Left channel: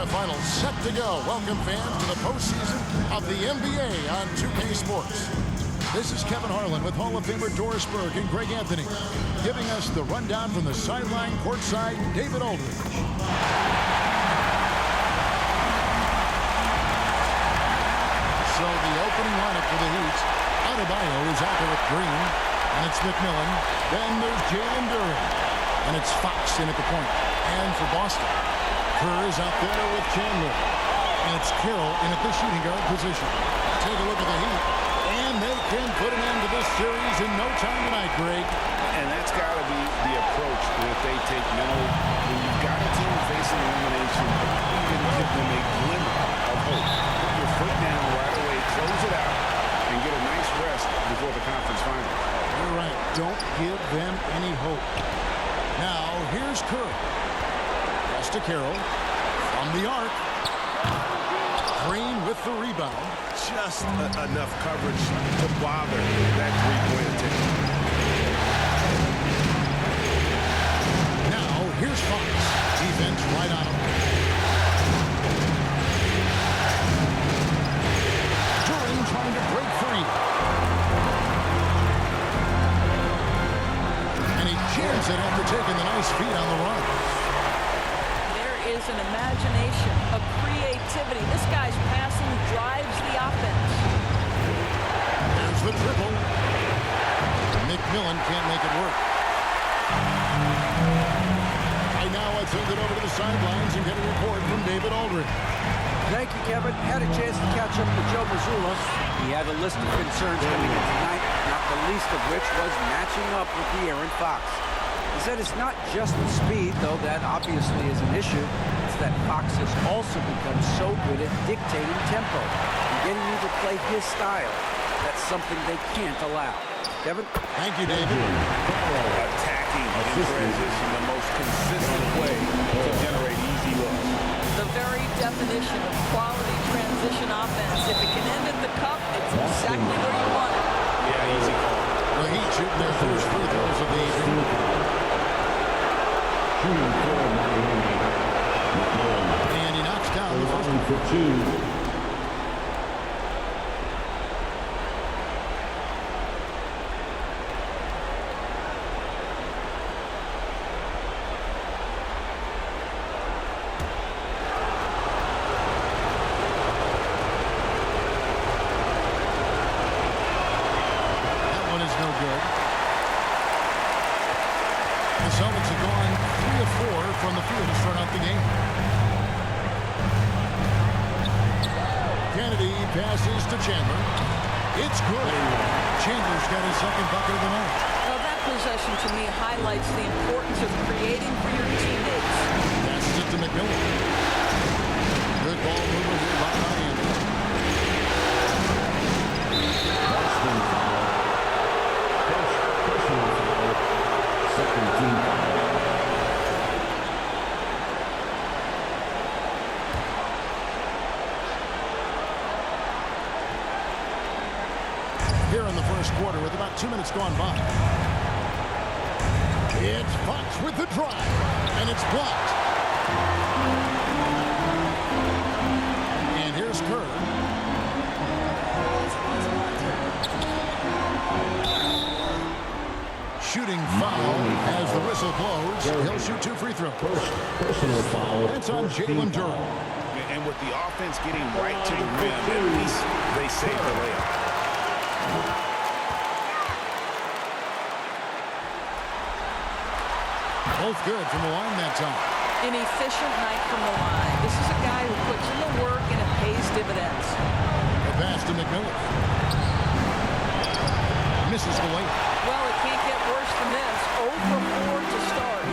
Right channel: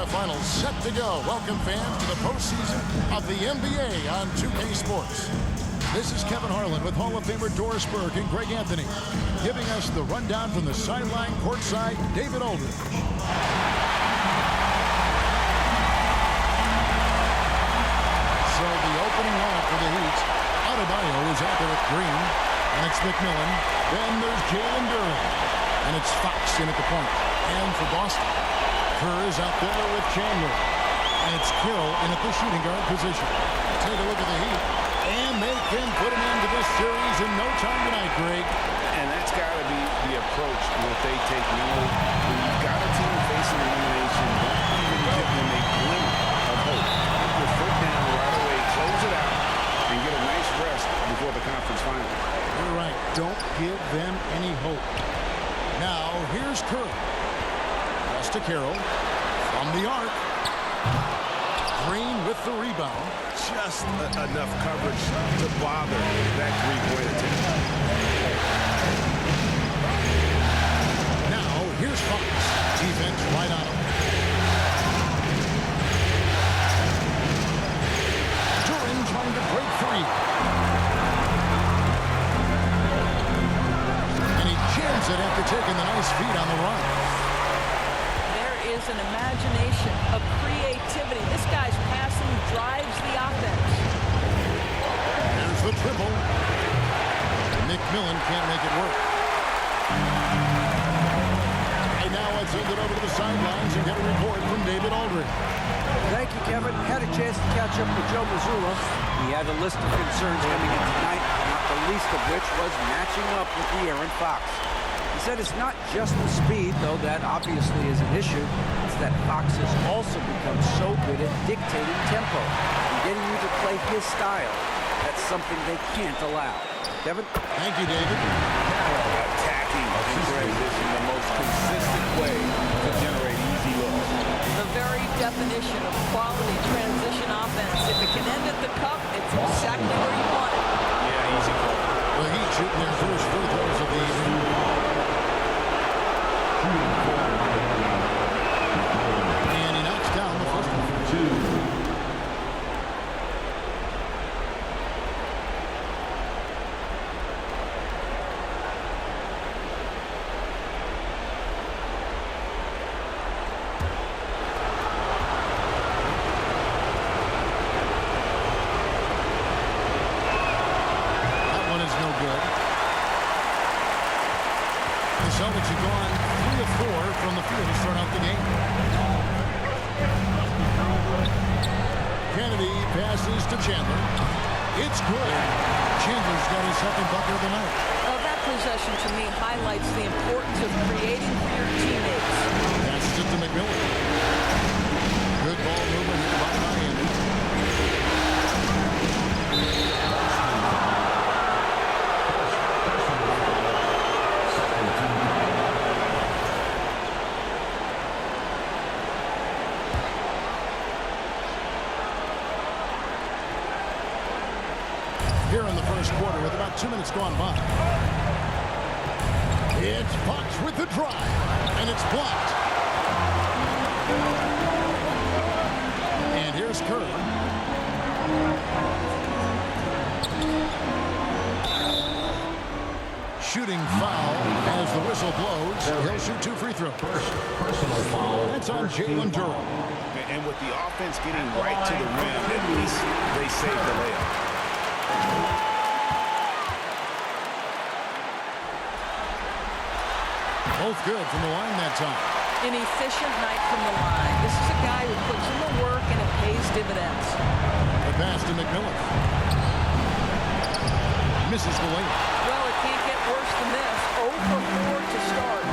semifinals set to go. Welcome fans to the postseason of the NBA on 2K Sports. This is Kevin Harlan with Hall of Famer Doris Burke and Greg Anthony, giving us the rundown from the sideline courtside, David Aldridge. So the opening lineup for the Heat, Adebayo is out there with Green, and it's McMillan. Then there's Jalen Duren, and it's Fox in at the point. And for Boston, Kerr is out there with Chandler, and it's Carroll in at the shooting guard position. Take a look at the Heat, and they can put an end to this series in no time tonight, Greg. And that's got to be the approach that they take mentally. When you've got a team facing elimination, don't even give them a glimmer of hope. Put your foot down right away, close it out, and get a nice rest before the conference finals. You're right. Don't give them any hope. Now, here's Kerr. Pass to Carroll. From the arc. Green with the rebound. Just enough coverage to bother that three-point attempt. Now, here's Fox. Defense right on him. Duren trying to break free. And he jams it after taking the nice feed on the run. There is an imagination, a creativity. This guy's passing drives the offense. There's the triple. McMillan can't make it work. Right now, I'll send it over to the sidelines and get a report from David Aldridge. Thank you, Kevin. Had a chance to catch up with Joe Mazzulla. He had a list of concerns coming in tonight, not the least of which was matching up with De'Aaron Fox. He said it's not just the speed, though that obviously is an issue. It's that Fox has also become so good at dictating tempo and getting you to play his style. That's something they can't allow. Kevin? Thank you, David. Attacking in transition, the most consistent way to generate easy looks. The very definition of quality transition offense. If it can end at the cup, it's exactly where you want it. Yeah, easy call. The Heat shooting their first free throws of the evening. And he knocks down the first one. One is no good. The Celtics have gone 3 of 4 from the field to start out the game. Kennedy passes to Chandler. It's good. Chandler's got his second bucket of the night. Well, that possession to me highlights the importance of creating for your teammates. Passes it to McMillan. Good ball movement here by Miami. Here in the first quarter with about 2 minutes gone by. It's Fox with the drive, and it's blocked. And here's Kerr. Shooting foul as the whistle blows. He'll shoot 2 free throws. Personal foul. That's on Jalen Duren. And with the offense getting right to the rim, at least they saved the layup. Both good from the line that time. An efficient night from the line. This is a guy who puts in the work and it pays dividends. The pass to McMillan. Misses the layup. Well, it can't get worse than this. 0 for 4 to start.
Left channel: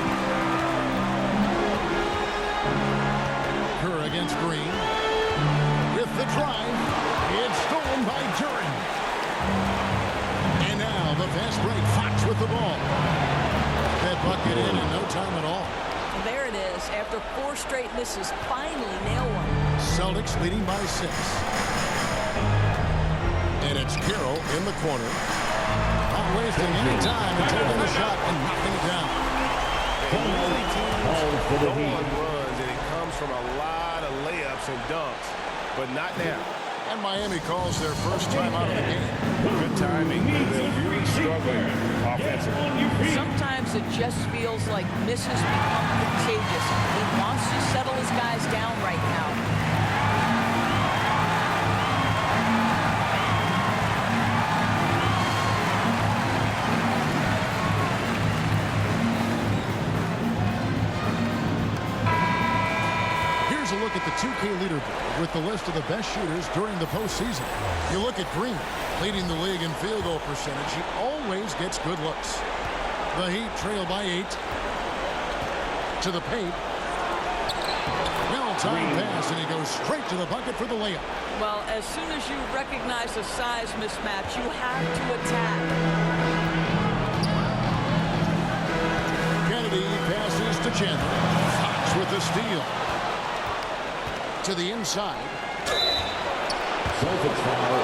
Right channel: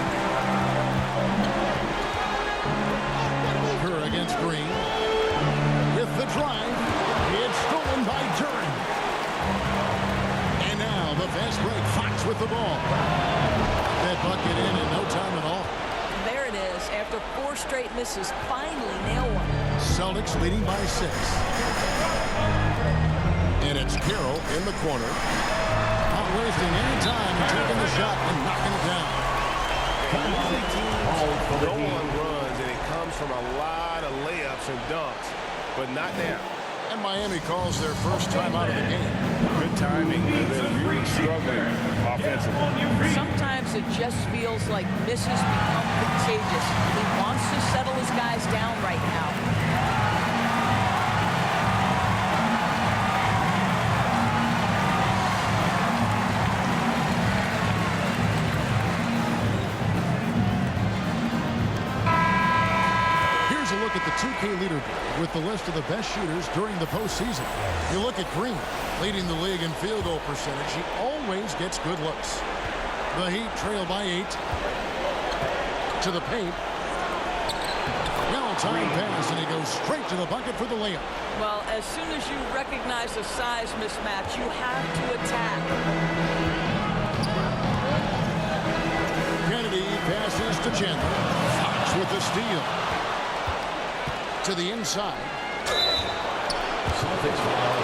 Kerr against Green. With the drive. It's stolen by Duren. And now the fast break. Fox with the ball. That bucket in no time at all. And there it is. After 4 straight misses, finally nail one. Celtics leading by 6. And it's Carroll in the corner. Not wasting any time and taking the shot and knocking it down. Usually teams go on runs, and it comes from a lot of layups and dunks, but not now. And Miami calls their first time out of the game. Good timing. They're really struggling offensively. Sometimes it just feels like misses become contagious. He wants to settle his guys down right now. Here's a look at the 2K leaderboard with the list of the best shooters during the postseason. You look at Green, leading the league in field goal percentage. He always gets good looks. The Heat trail by 8. To the paint. Well-timed pass, and he goes straight to the bucket for the layup. Well, as soon as you recognize a size mismatch, you have to attack. Kennedy passes to Chandler. Fox with the steal. To the inside. Celtics foul.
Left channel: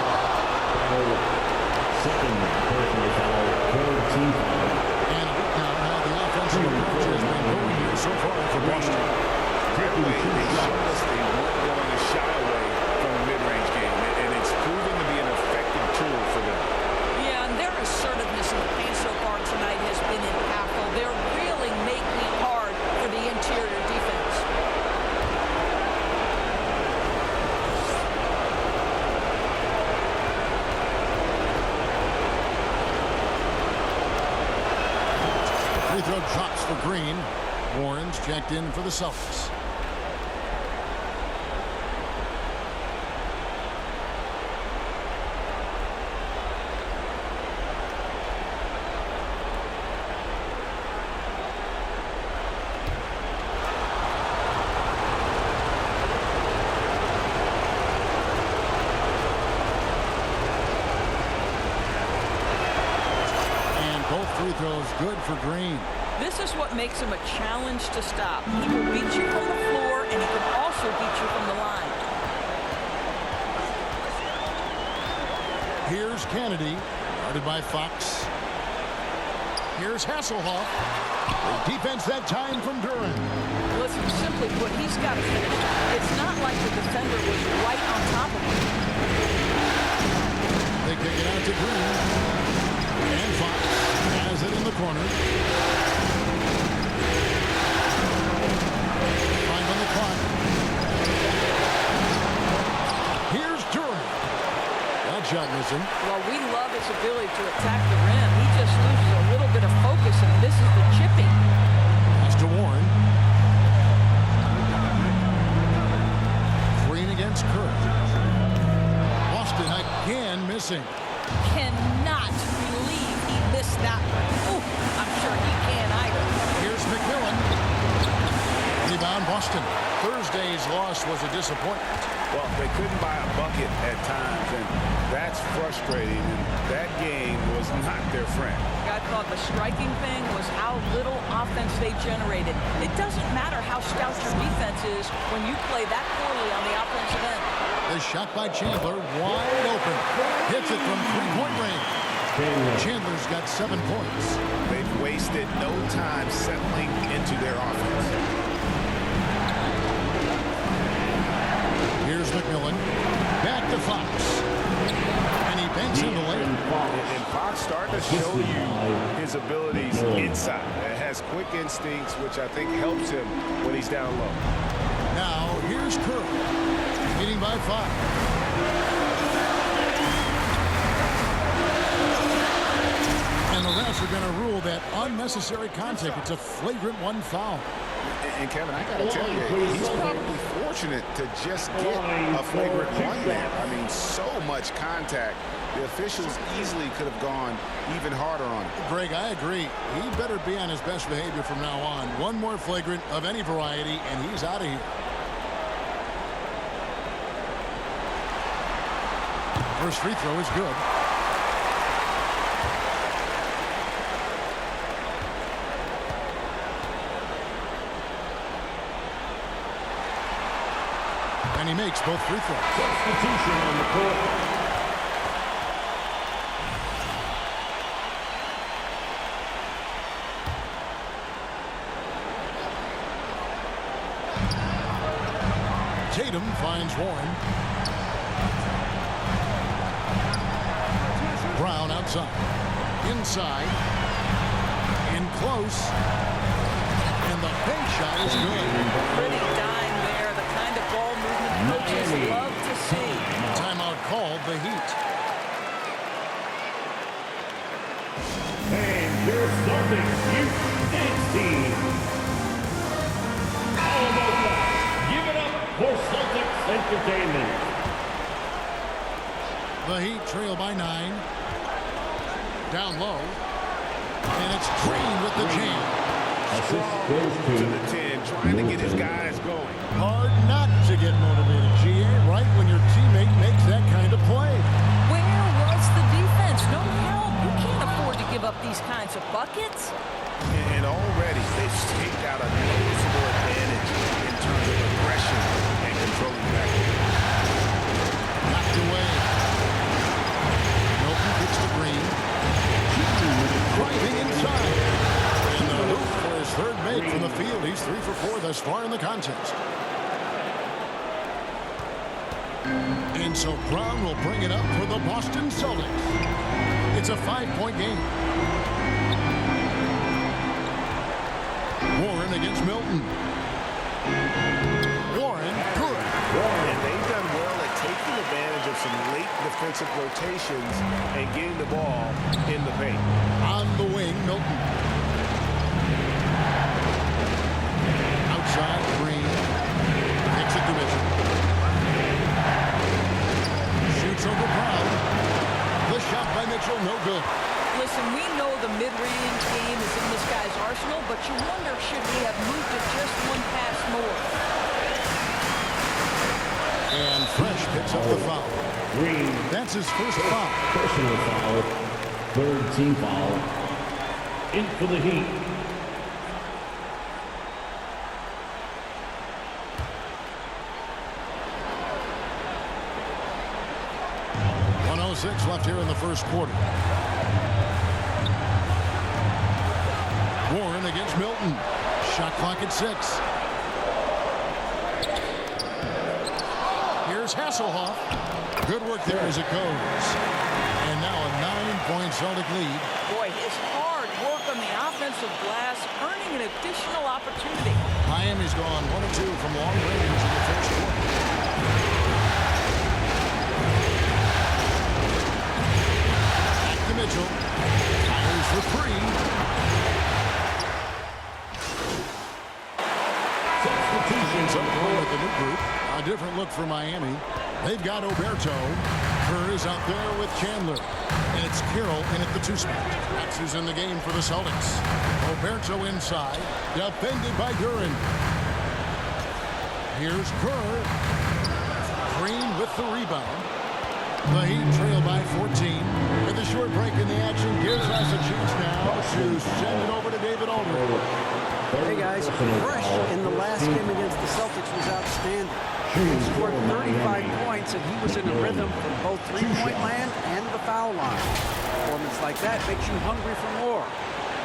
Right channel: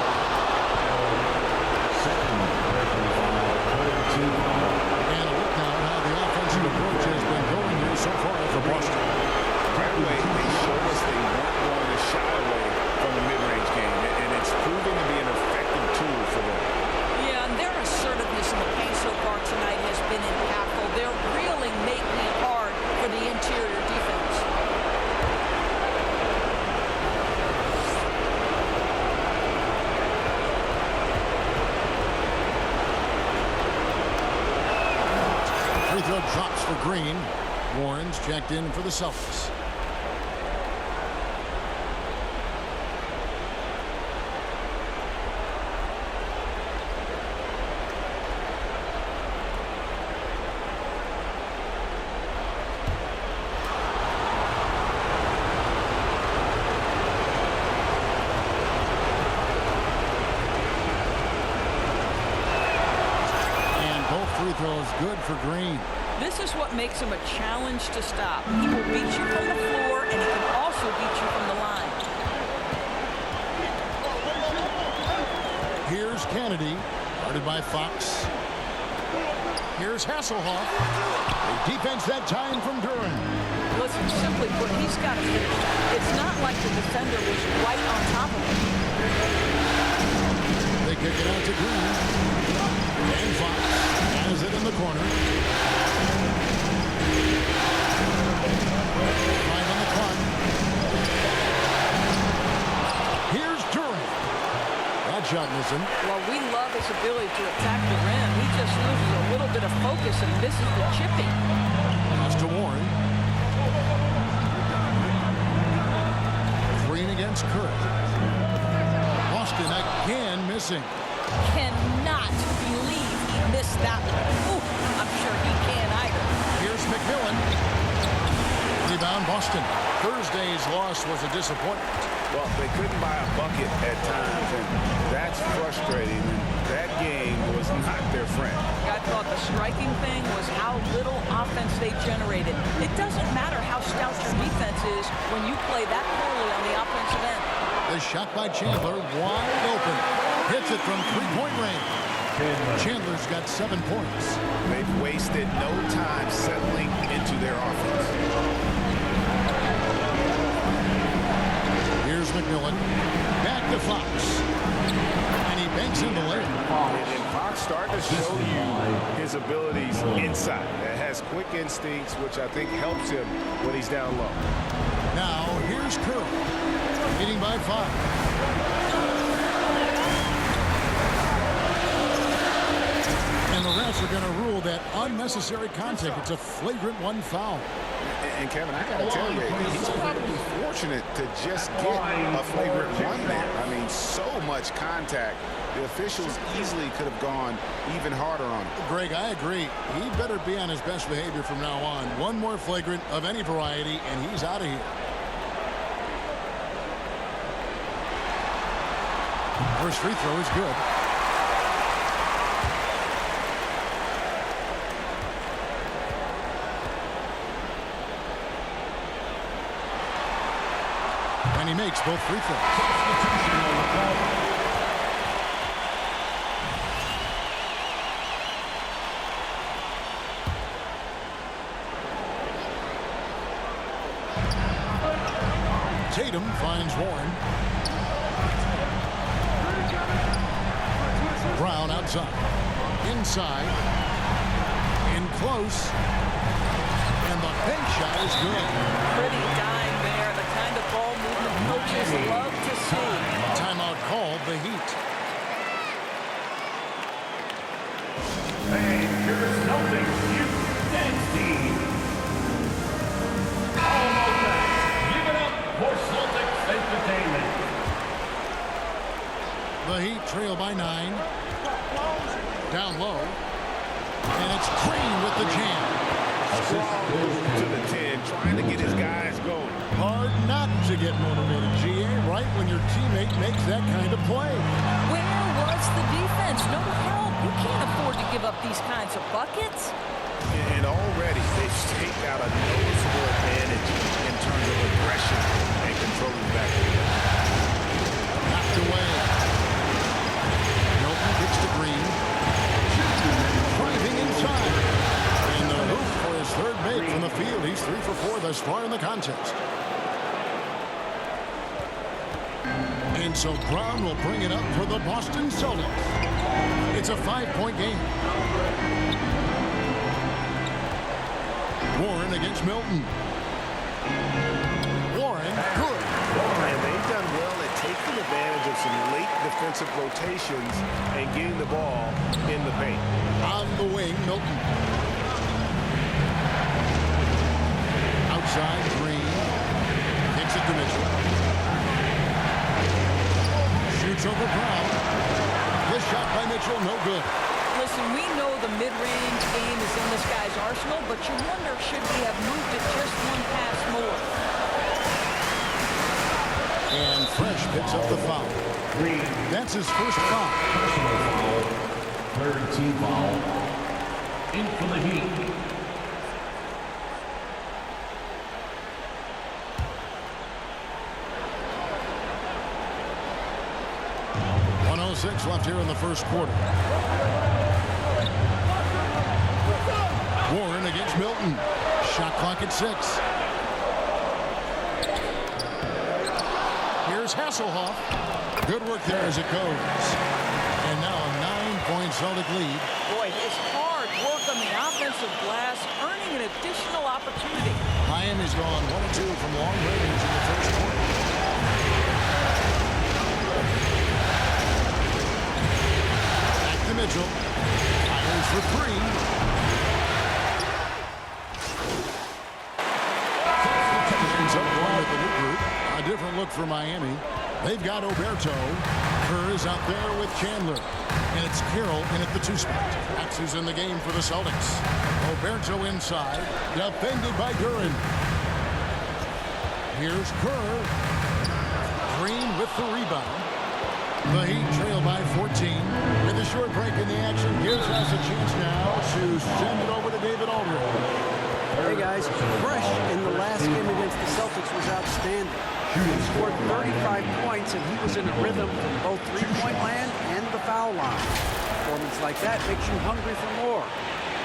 Second personal foul. Third team foul. And a look now at how the offensive approach has been going here so far for Boston. Right away, they showed us they weren't going to shy away from the mid-range game, and it's proven to be an effective tool for them. Yeah, and their assertiveness in the paint so far tonight has been impactful. They're really making it hard for the interior defense. Free throw drops for Green. Warren's checked in for the Celtics. And both free throws good for Green. This is what makes him a challenge to stop. He will beat you from the floor, and he can also beat you from the line. Here's Kennedy, guarded by Fox. Here's Hasselhoff. Great defense that time from Duran. Listen, simply put, he's got to finish that. It's not like the defender was right on top of him. They kick it out to Green. And Fox has it in the corner. 5 on the clock. Here's Duran. That shot missing. Well, we love his ability to attack the rim. He just loses a little bit of focus and misses the chipping. Pass to Warren. Green against Curry. Boston again missing. Cannot believe he missed that one. Ooh, I'm sure he can't either. Here's McMillan. Rebound Boston. Thursday's loss was a disappointment. Well, they couldn't buy a bucket at times, and that's frustrating, and that game was not their friend. I thought the striking thing was how little offense they generated. It doesn't matter how stout your defense is when you play that poorly on the offensive end. The shot by Chandler, wide open. Hits it from three-point range. Chandler's got 7 points. They've wasted no time settling into their offense. Here's McMillan. Back to Fox. And he banks in the layup. And Fox starting to show you his abilities inside. It has quick instincts, which I think helps him when he's down low. Now, here's Curry. Leading by 5. And the refs are going to rule that unnecessary contact. It's a flagrant 1 foul. And Kevin, I got to tell you, he's probably fortunate to just get a flagrant 1 there. I mean, so much contact. The officials easily could have gone even harder on it. Greg, I agree. He better be on his best behavior from now on. One more flagrant of any variety, and he's out of here. First free throw is good. And he makes both free throws. Substitution on the court. Tatum finds Warren. Brown outside. Inside. In close. And the bank shot is good. Pretty dime there. The kind of ball movement coaches love to see. Timeout called the Heat. And your Celtics Youth Dance Team. Almost back. Give it up for Celtics Entertainment. The Heat trail by 9. Down low. And it's Green with the jam. Strong to the 10, trying to get his guys going. Hard not to get motivated, GA, right when your teammate makes that kind of play. Where was the defense? No help. You can't afford to give up these kinds of buckets. And already they've staked out a noticeable advantage in terms of aggression and controlling back. Knocked away. Milton kicks to Green. Driving inside. And the hoop for his third make from the field. He's 3 for 4 thus far in the contest. And so Brown will bring it up for the Boston Celtics. It's a 5-point game. Warren against Milton. Warren, good. And they've done well at taking advantage of some late defensive rotations and getting the ball in the paint. On the wing, Milton. Outside, Green. Kicks it to Mitchell. Shoots over Brown. The shot by Mitchell, no good. Listen, we know the mid-range game is in this guy's arsenal, but you wonder, should he have moved it just one pass more? And Fresh picks up the foul. Green. That's his first foul. Personal foul. Third team foul. In for the Heat. .106 left here in the first quarter. Warren against Milton. Shot clock at 6. Here's Hasselhoff. Good work there as it goes. And now a 9-point Celtic lead. Boy, his hard work on the offensive glass, earning an additional opportunity. Miami's gone 1 of 2 from long range in the first quarter. Back to Mitchell. Fires for 3. Ends up going with the new group. A different look for Miami. They've got Oberto. Kerr is out there with Chandler. And it's Carroll in at the 2 spot. That's who's in the game for the Celtics. Oberto inside. Defended by Duran. Here's Kerr. Green with the rebound. The Heat trail by 14. And the short break in the action gives us a chance now to send it over to David Aldridge. Hey guys, Fresh in the last game against the Celtics was outstanding. He scored 35 points and he was in a rhythm from both three-point land and the foul line. Performance like that makes you hungry for more.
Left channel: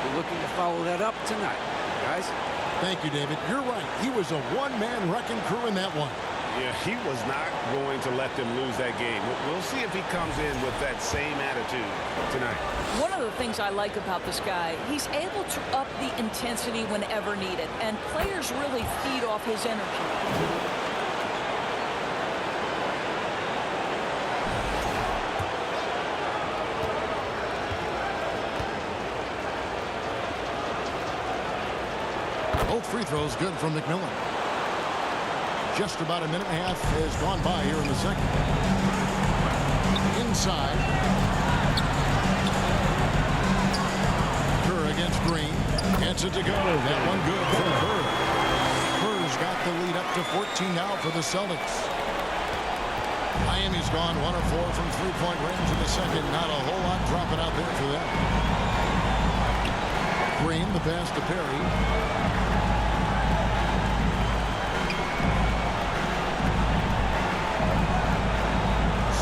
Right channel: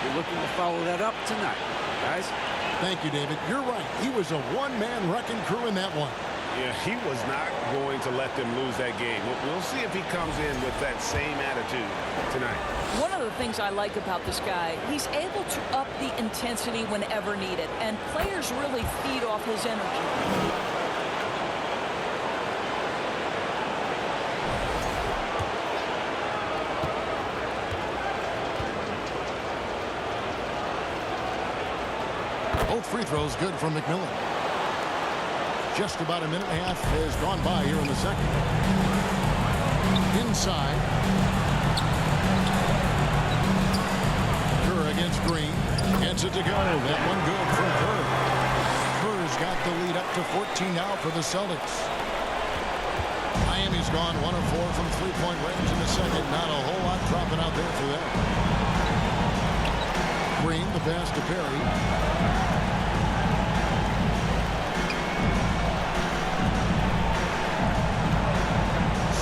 You're looking to follow that up tonight, guys. Thank you, David. You're right. He was a one-man wrecking crew in that one. Yeah, he was not going to let them lose that game. We'll see if he comes in with that same attitude tonight. One of the things I like about this guy, he's able to up the intensity whenever needed, and players really feed off his energy. Both free throws good from McMillan. Just about a minute and a half has gone by here in the second. Inside. Kerr against Green. Gets it to go. That one good from Kerr. Kerr's got the lead up to 14 now for the Celtics. Miami's gone 1 of 4 from three-point range in the second. Not a whole lot dropping out there for them. Green, the pass to Perry.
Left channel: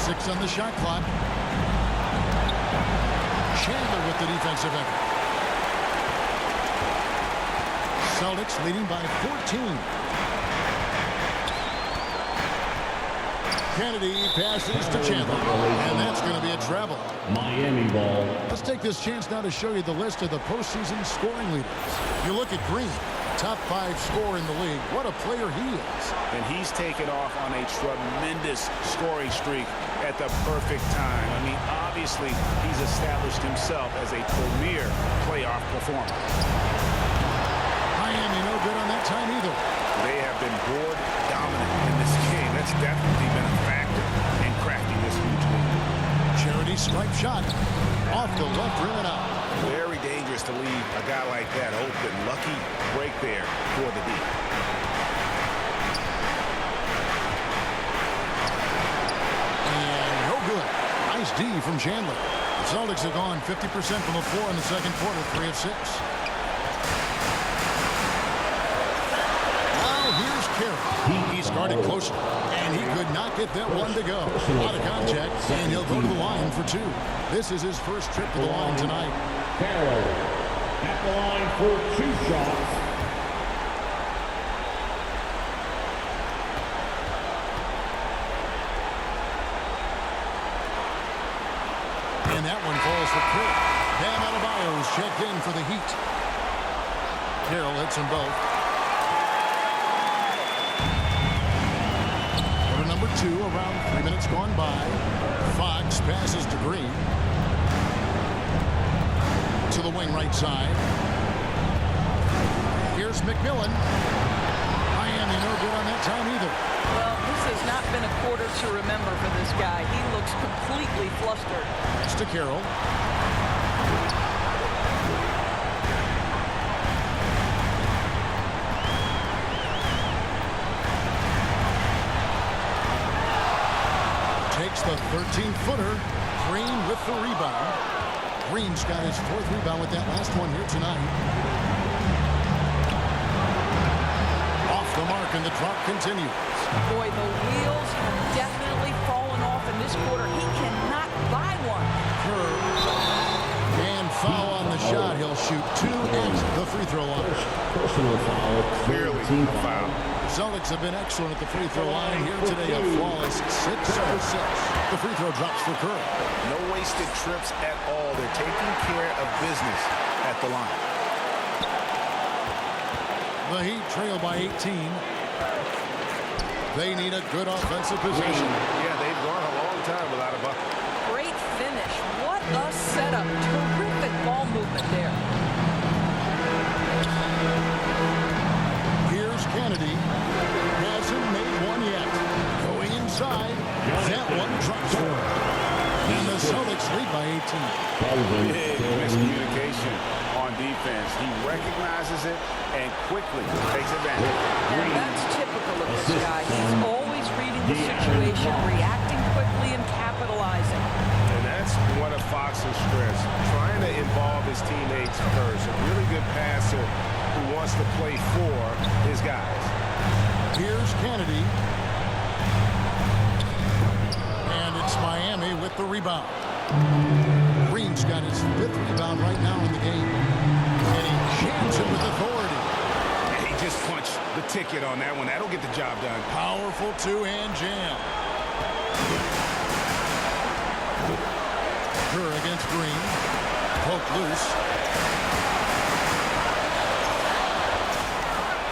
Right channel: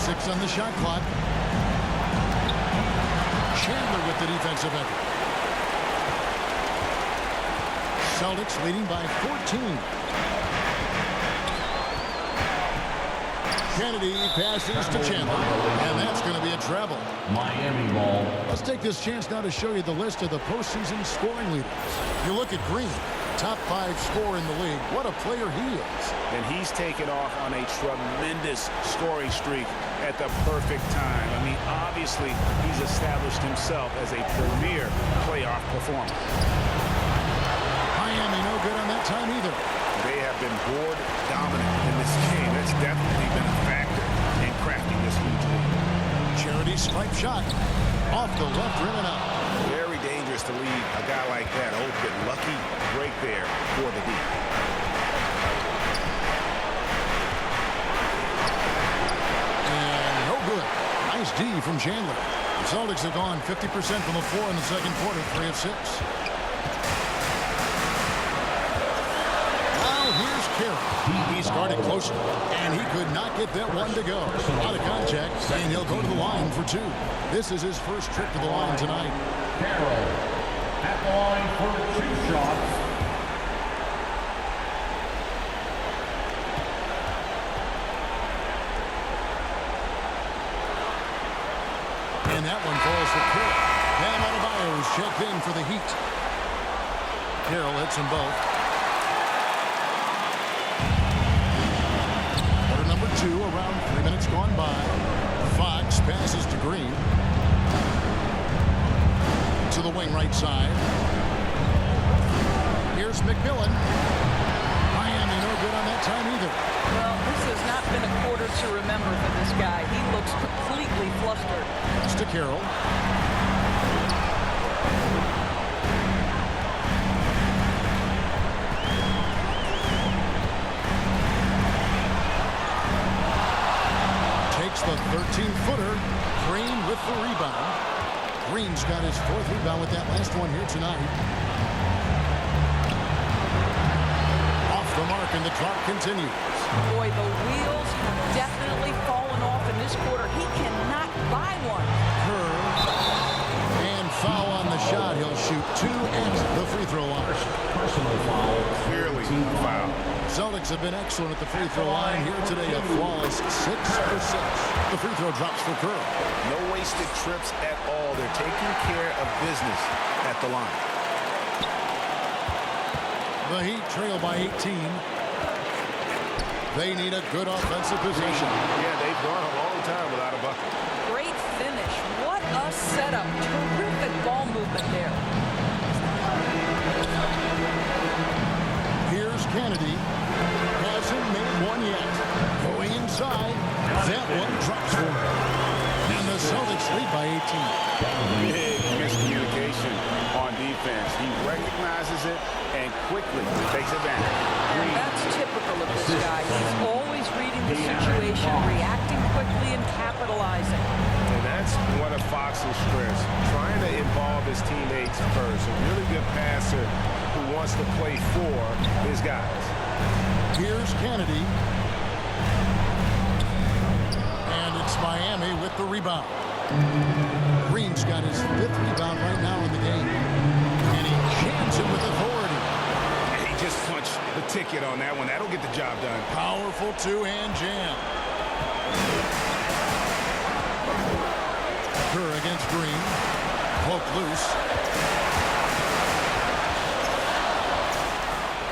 Six on the shot clock. Chandler with the defensive effort. Celtics leading by 14. Kennedy passes to Chandler, and that's going to be a travel. Miami ball. Let's take this chance now to show you the list of the postseason scoring leaders. You look at Green, top 5 scorer in the league. What a player he is. And he's taken off on a tremendous scoring streak at the perfect time. I mean, obviously, he's established himself as a premier playoff performer. Miami no good on that time either. They have been board dominant in this game. That's definitely been a factor in crafting this huge lead. Charity stripe shot off the left rim and out. Very dangerous to leave a guy like that open. Lucky break there for the D. And no good. Nice D from Chandler. The Celtics have gone 50% from the floor in the second quarter, 3 of 6. Now here's Carroll. He started closer, and he could not get that one to go. Out of contact, and he'll go to the line for 2. This is his first trip to the line tonight. Carroll at the line for 2 shots. And that one falls for Carroll. Bam Adebayo's checked in for the Heat. Carroll hits them both. Quarter number 2, around 3 minutes gone by. Fox passes to Green. To the wing right side. Here's McMillan. Miami no good on that time either. Well, this has not been a quarter to remember for this guy. He looks completely flustered. Pass to Carroll. Takes the 13-footer. Green with the rebound. Green's got his 4th rebound with that last one here tonight. Off the mark, and the drought continues. Boy, the wheels have definitely fallen off in this quarter. He cannot buy one. Kerr. And foul on the shot. He'll shoot 2 at the free throw line. Personal foul. Clearly a foul. Celtics have been excellent at the free throw line here today. A flawless 6 for 6. The free throw drops for Kerr. No wasted trips at all. They're taking care of business at the line. The Heat trail by 18. They need a good offensive possession. Yeah, they've gone a long time without a bucket. Great finish. What a setup. Terrific ball movement there. Here's Kennedy. Hasn't made one yet. Going inside. That one drops for him. And the Celtics lead by 18. Big miscommunication on defense. He recognizes it and quickly takes advantage. And that's typical of this guy. He's always reading the situation, reacting quickly, and capitalizing. And that's one of Fox's strengths, trying to involve his teammates first. A really good passer who wants to play for his guys. Here's Kennedy. And it's Miami with the rebound. Green's got his 5th rebound right now in the game. And he jams it with authority. And he just punched the ticket on that one. That'll get the job done. Powerful 2-hand jam. Kerr against Green. Poked loose.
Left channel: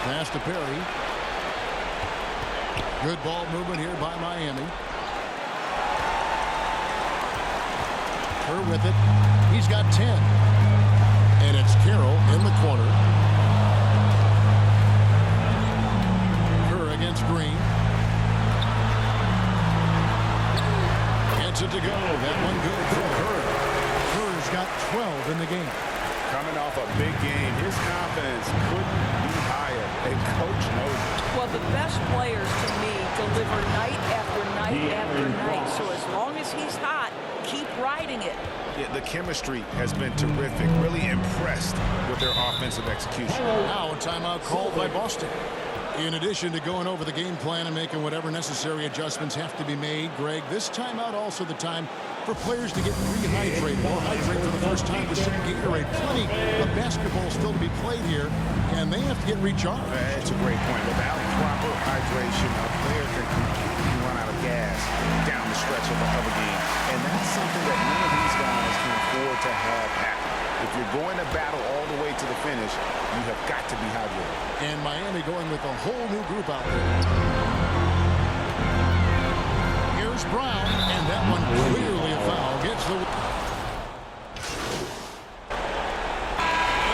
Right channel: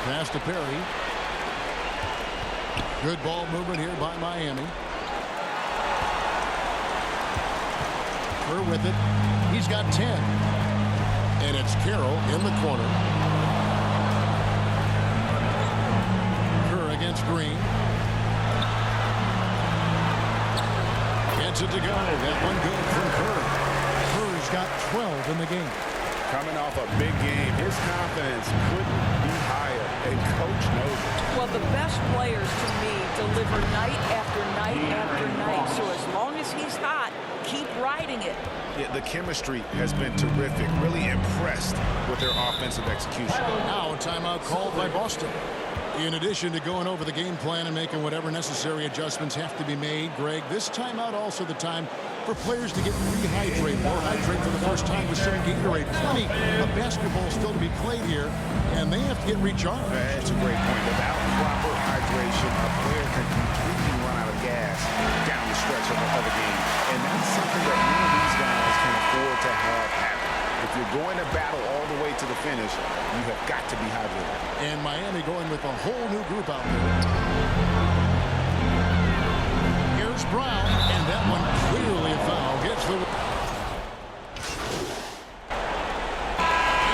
Pass to Perry. Good ball movement here by Miami. Kerr with it. He's got 10. And it's Carroll in the corner. Kerr against Green. Gets it to go. That one good from Kerr. Kerr's got 12 in the game. Coming off a big game, his confidence couldn't be higher, and coach knows it. Well, the best players, to me, deliver night after night after night. So as long as he's hot, keep riding it. Yeah, the chemistry has been terrific. Really impressed with their offensive execution. Now a timeout called by Boston. In addition to going over the game plan and making whatever necessary adjustments have to be made, Greg, this timeout also the time for players to get rehydrated or hydrate for the first time with some Gatorade. Plenty of basketball still to be played here, and they have to get recharged. That's a great point. Without proper hydration, a player can completely run out of gas stretch of a game. And that's something that none of these guys can afford to have happen. If you're going to battle all the way to the finish, you have got to be hydrated. And Miami going with a whole new group out there. Here's Brown, and that one clearly a foul. Gets the...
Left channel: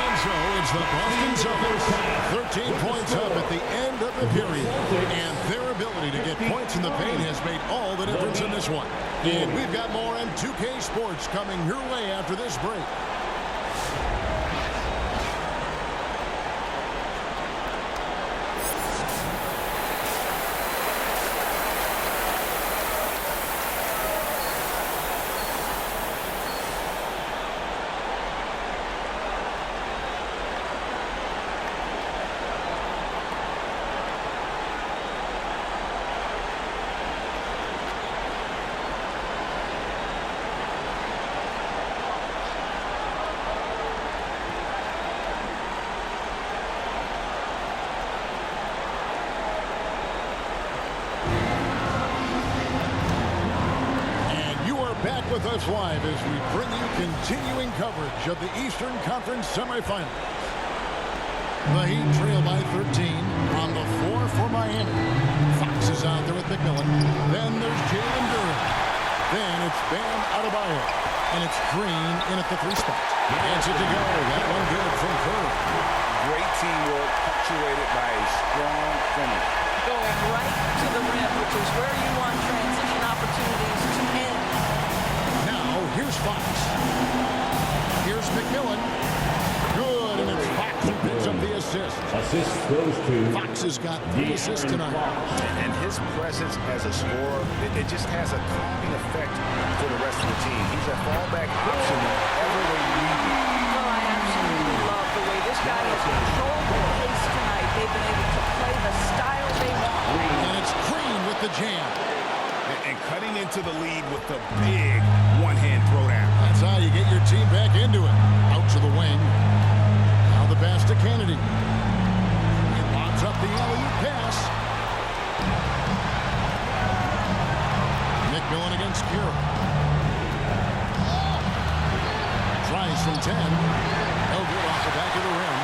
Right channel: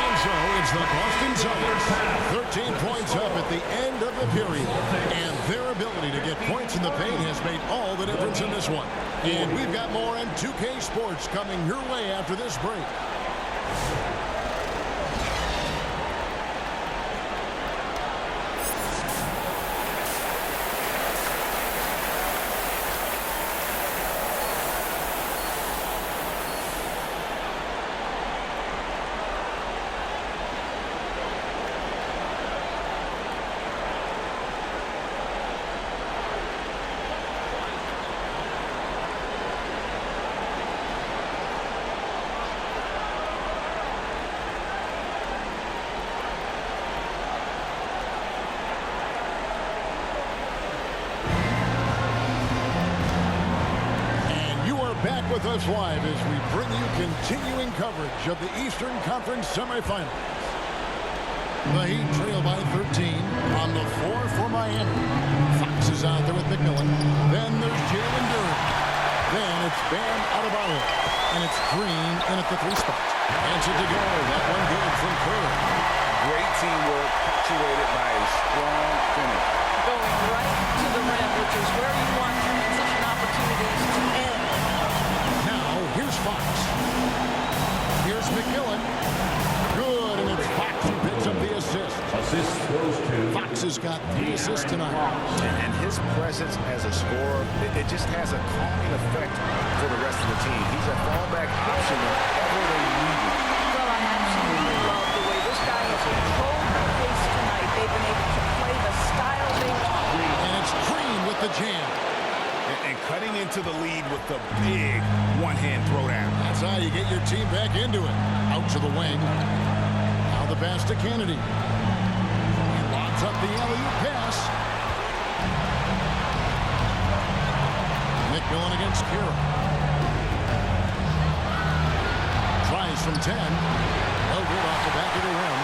And so it's the Boston Celtics. 13 points up at the end of the period. And their ability to get points in the paint has made all the difference in this one. And we've got more on 2K Sports coming your way after this break. Back with us live as we bring you continuing coverage of the Eastern Conference semifinals. The Heat trail by 13 on the floor for Miami. Fox is out there with McMillan. Then there's Jalen Duren. Then it's Bam Adebayo. And it's Green in at the 3 spot. Gets it to go. That one good from Kerr. Great teamwork punctuated by a strong finish. Going right to the rim, which is where you want transition opportunities to end. Now, here's Fox. Here's McMillan. Good, and it's Fox who picks up the assist. Assist goes to Fox has got 3 assists tonight. And his presence as a scorer, it just has a calming effect for the rest of the team. He's a fallback option whenever they need him. Well, I absolutely love the way this guy has controlled the pace tonight. They've been able to play the style they want. And it's Green with the jam. And cutting into the lead with the big one-hand throwdown. That's how you get your team back into it. Out to the wing. Now the pass to Kennedy. He lobs up the alley-oop pass. McMillan against Carroll. Tries from 10. No good off the back of the rim.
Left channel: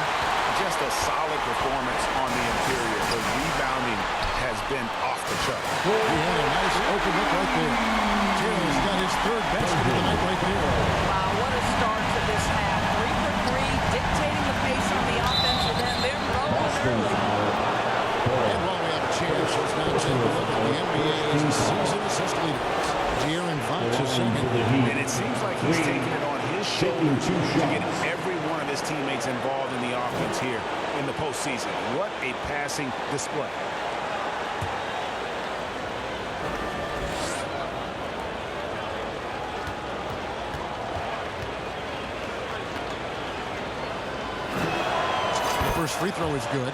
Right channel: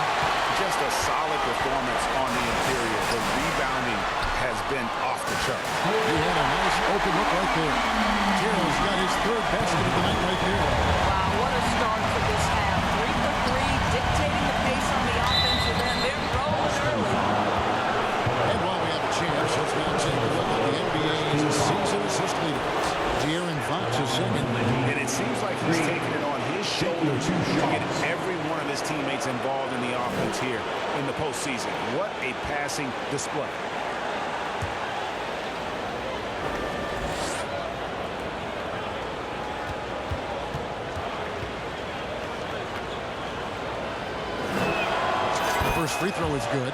Just a solid performance on the interior. The rebounding has been off the chart. He had a nice open look right there. Carroll's got his 3rd basket of the night right there. Wow, what a start to this half. 3 for 3, dictating the pace on the offensive end. They're rolling early. And while we have a chance, let's now take a look at the NBA's season assist leaders. De'Aaron Fox is second. And it seems like he's taking it on his shoulders to get every one of his teammates involved in the offense here in the postseason. What a passing display. The first free throw is good.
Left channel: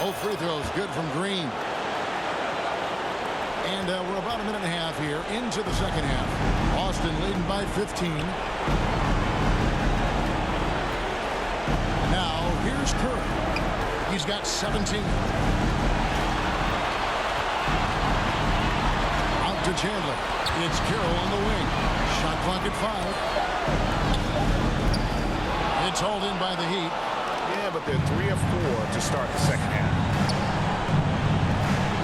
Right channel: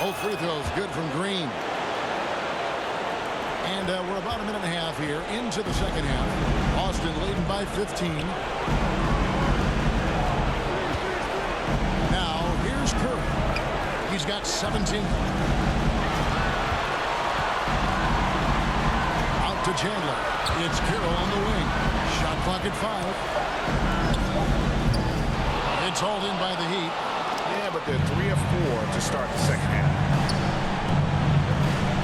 Both free throws good from Green. And we're about a minute and a half here into the second half. Boston leading by 15. Now here's Curry. He's got 17. Out to Chandler. It's Carroll on the wing. Shot clock at 5. It's hauled in by the Heat. Yeah, but they're 3 of 4 to start the second half.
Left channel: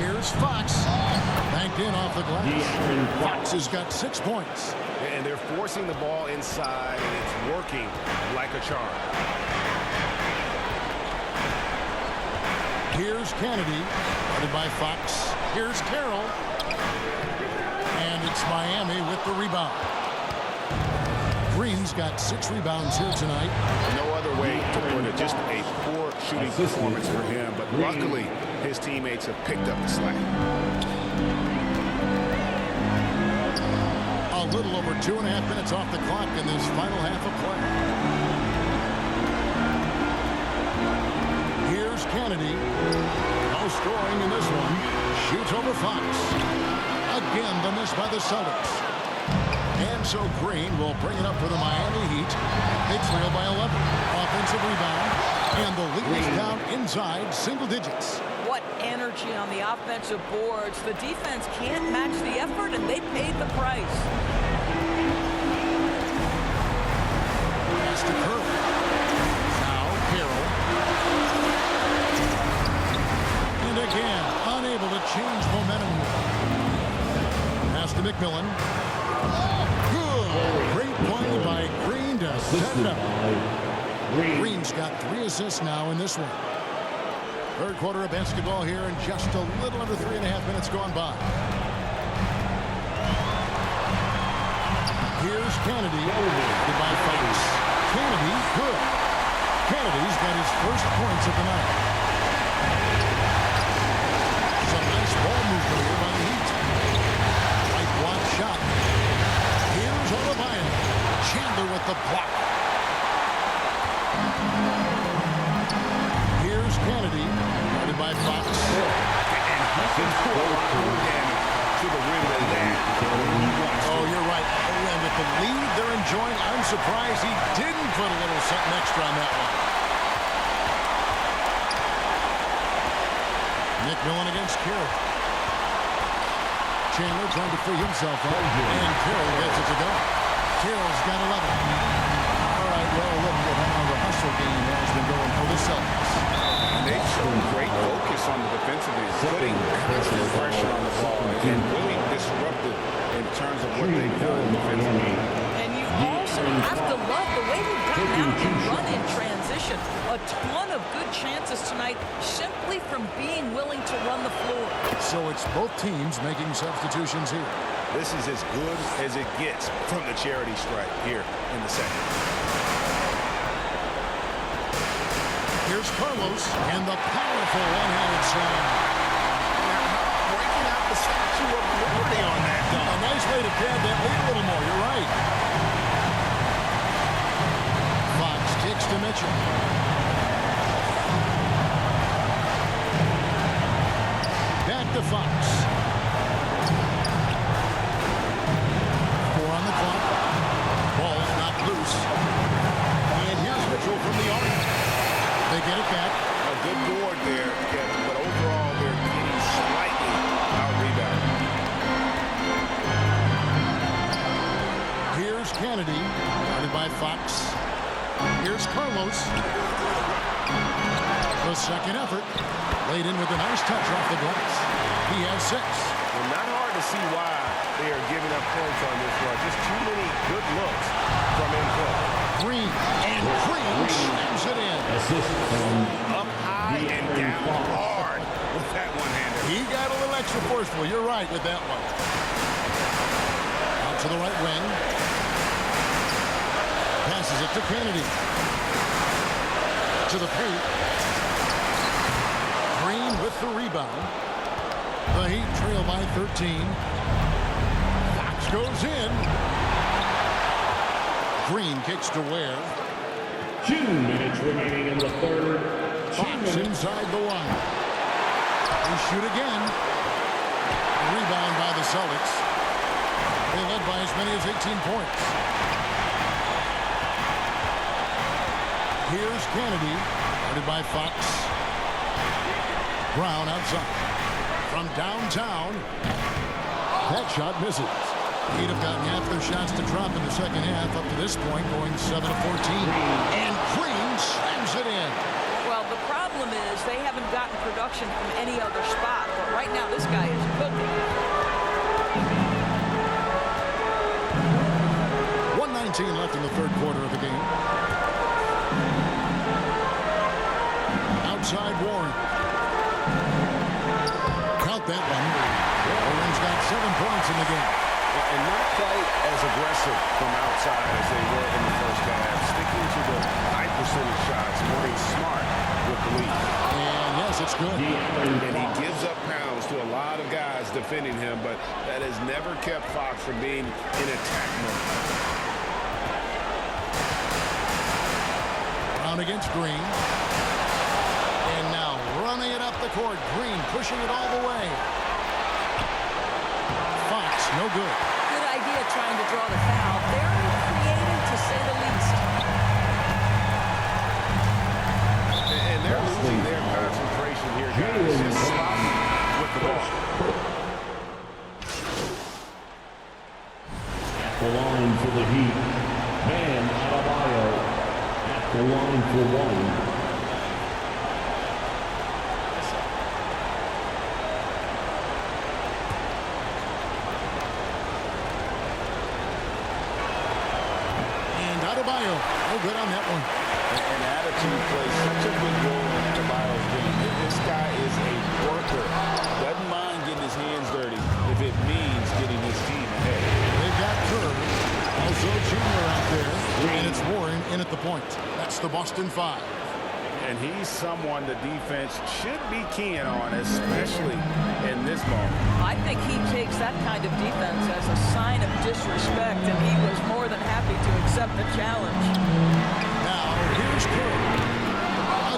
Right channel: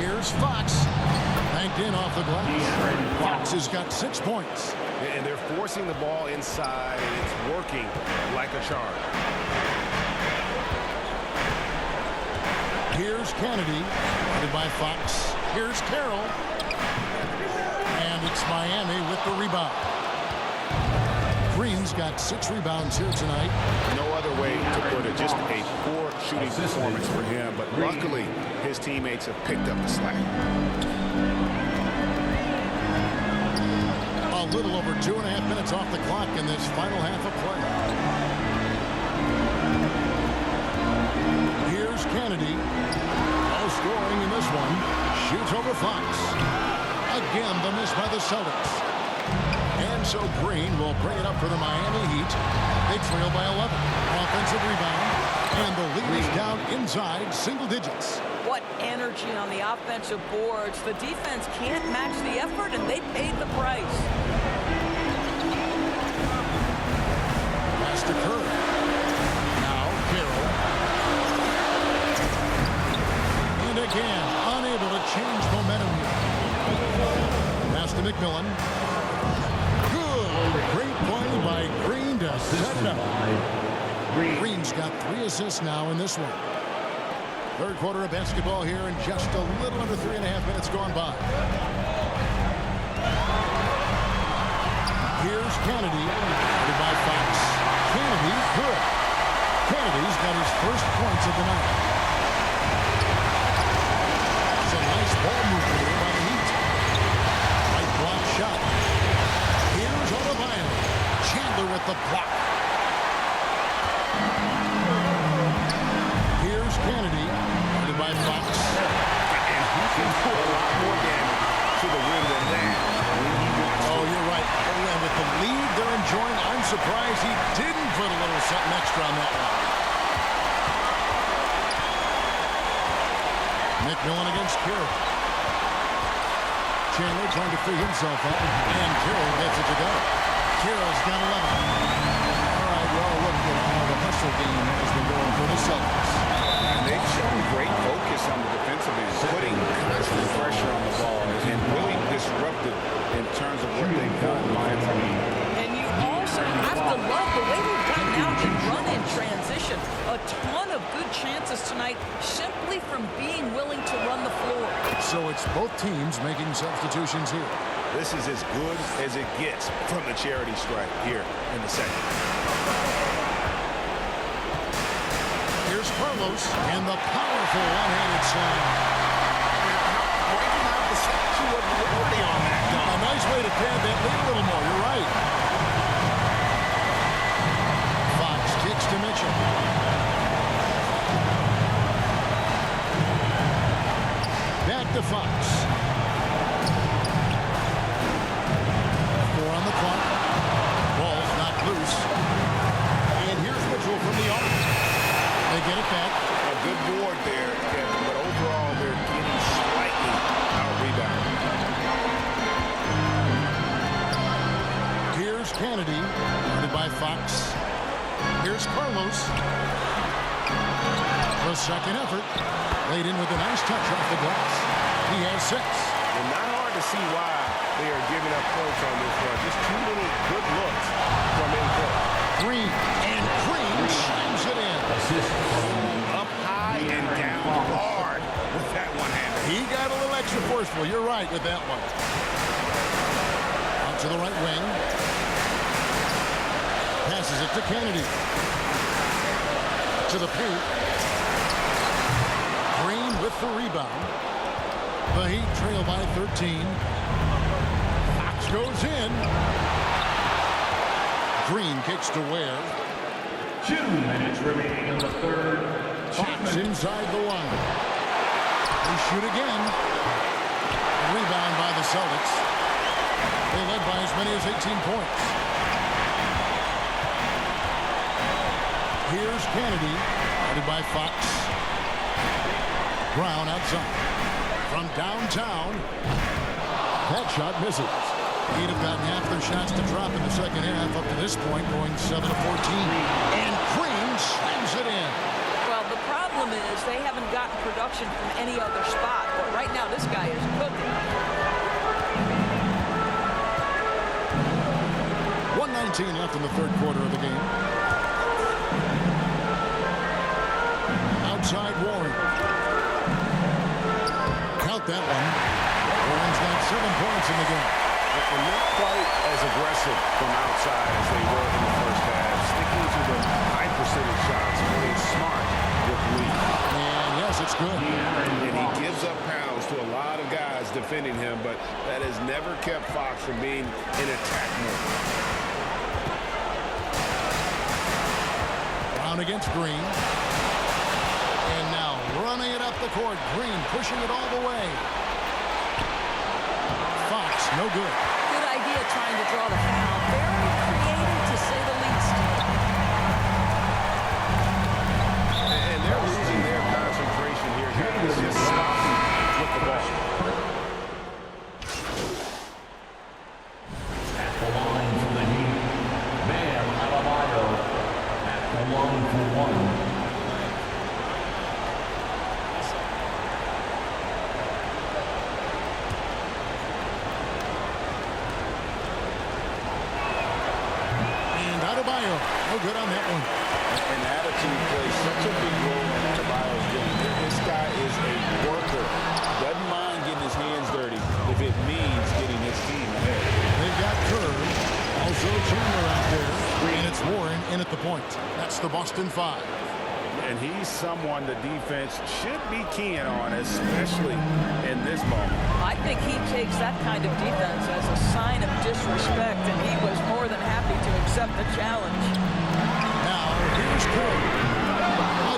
Here's Fox. Banked in off the glass. Fox has got 6 points. And they're forcing the ball inside, and it's working like a charm. Here's Kennedy. Guarded by Fox. Here's Carroll. And it's Miami with the rebound. Green's got 6 rebounds here tonight. No other way to put it. Just a poor shooting performance for him. But luckily, his teammates have picked up the slack. A little over 2.5 minutes off the clock in this final half of play. Kennedy. No scoring in this one. Shoots over Fox. Again, the miss by the Celtics. And so Green will bring it up for the Miami Heat. They trail by 11. Offensive rebound. And the lead is down inside single digits. What energy on the offensive boards. The defense can't match the effort, and they paid the price. Pass to Curry. Now Carroll. And again, unable to change momentum here. Pass to McMillan. Good. Great play by Green to set it up. Green's got 3 assists now in this one. Third quarter of basketball here, and just a little under 3.5 minutes gone by. Here's Kennedy, guarded by Fox. Kennedy, good. Kennedy's got his first points of the night. Some nice ball movement here by the Heat. Right block shot. Here's Adebayo. Chandler with the block. Here's Kennedy, guarded by Fox. And he can do a lot more damage to the rim than that when he wants to. Oh, you're right. And with the lead they're enjoying, I'm surprised he didn't put a little something extra on that one. McMillan against Carroll. Chandler trying to free himself up, and Carroll gets it to go. Carroll's got 11. All right, well, look at how the hustle game has been going for the Celtics. And they've shown great focus on the defensive end, putting constant pressure on the ball and really disruptive in terms of what they've done defensively. And you also have to love the way they've gotten out and run in transition. A ton of good chances tonight simply from being willing to run the floor. So it's both teams making substitutions here. This is as good as it gets from the charity stripe here in the second. Here's Carlos and the powerful one-handed slam. Now, how about breaking out the Statue of Liberty on that dunk? A nice way to pad that lead a little more. You're right. Fox kicks to Mitchell. Back to Fox. 4 on the clock. Ball's knocked loose. And here's Mitchell from the arc. They get it back. A good board there, Kevin, but overall they're getting slightly out-rebounded. Here's Kennedy, guarded by Fox. Here's Carlos. The second effort, laid in with a nice touch off the glass. He has 6. And not hard to see why they are giving up points on this run. Just too many good looks from in close. Green, and Green slams it in. Assist from Up high and down hard with that one-hander. He got a little extra forceful. You're right with that one. Out to the right wing. Passes it to Kennedy. To the paint. Green with the rebound. The Heat trail by 13. Fox goes in. Green kicks to Ware. 2 minutes remaining in the third. Fox inside the line. They shoot again. A rebound by the Celtics. They led by as many as 18 points. Here's Kennedy, guarded by Fox. Brown outside. From downtown. That shot misses. He'd have gotten half their shots to drop in the second half up to this point, going 7 of 14. And Green slams it in. Well, the problem is they haven't gotten production from any other spot. But right now, this guy is cooking. 1:19 left in the third quarter of the game. Outside Warren. Count that one. Warren's got 7 points in the game. And not quite as aggressive from outside as they were in the first half. Sticking to the high percentage shots, playing smart with the lead. And yes, it's good. And he gives up pounds to a lot of guys defending him, but that has never kept Fox from being in attack mode. Brown against Green. And now running it up the court. Green pushing it all the way. Fox, no good. Good idea trying to draw the foul. Very creative, to say the least. And they're losing their concentration here, guys. Just sloppy with the ball. At the line for the Heat, Bam Adebayo. At the line for one. And Adebayo, no good on that one. And attitude plays such a big role in Adebayo's game. This guy is a worker. Doesn't mind getting his hands dirty if it means getting his team ahead. They've got Kerr, also Chandler out there, and it's Warren in at the point. That's the Boston 5. And he's someone the defense should be keying on, especially in this moment. I think he takes that kind of defense as a sign of disrespect, and he was more than happy to accept the challenge. Now, here's Kerr.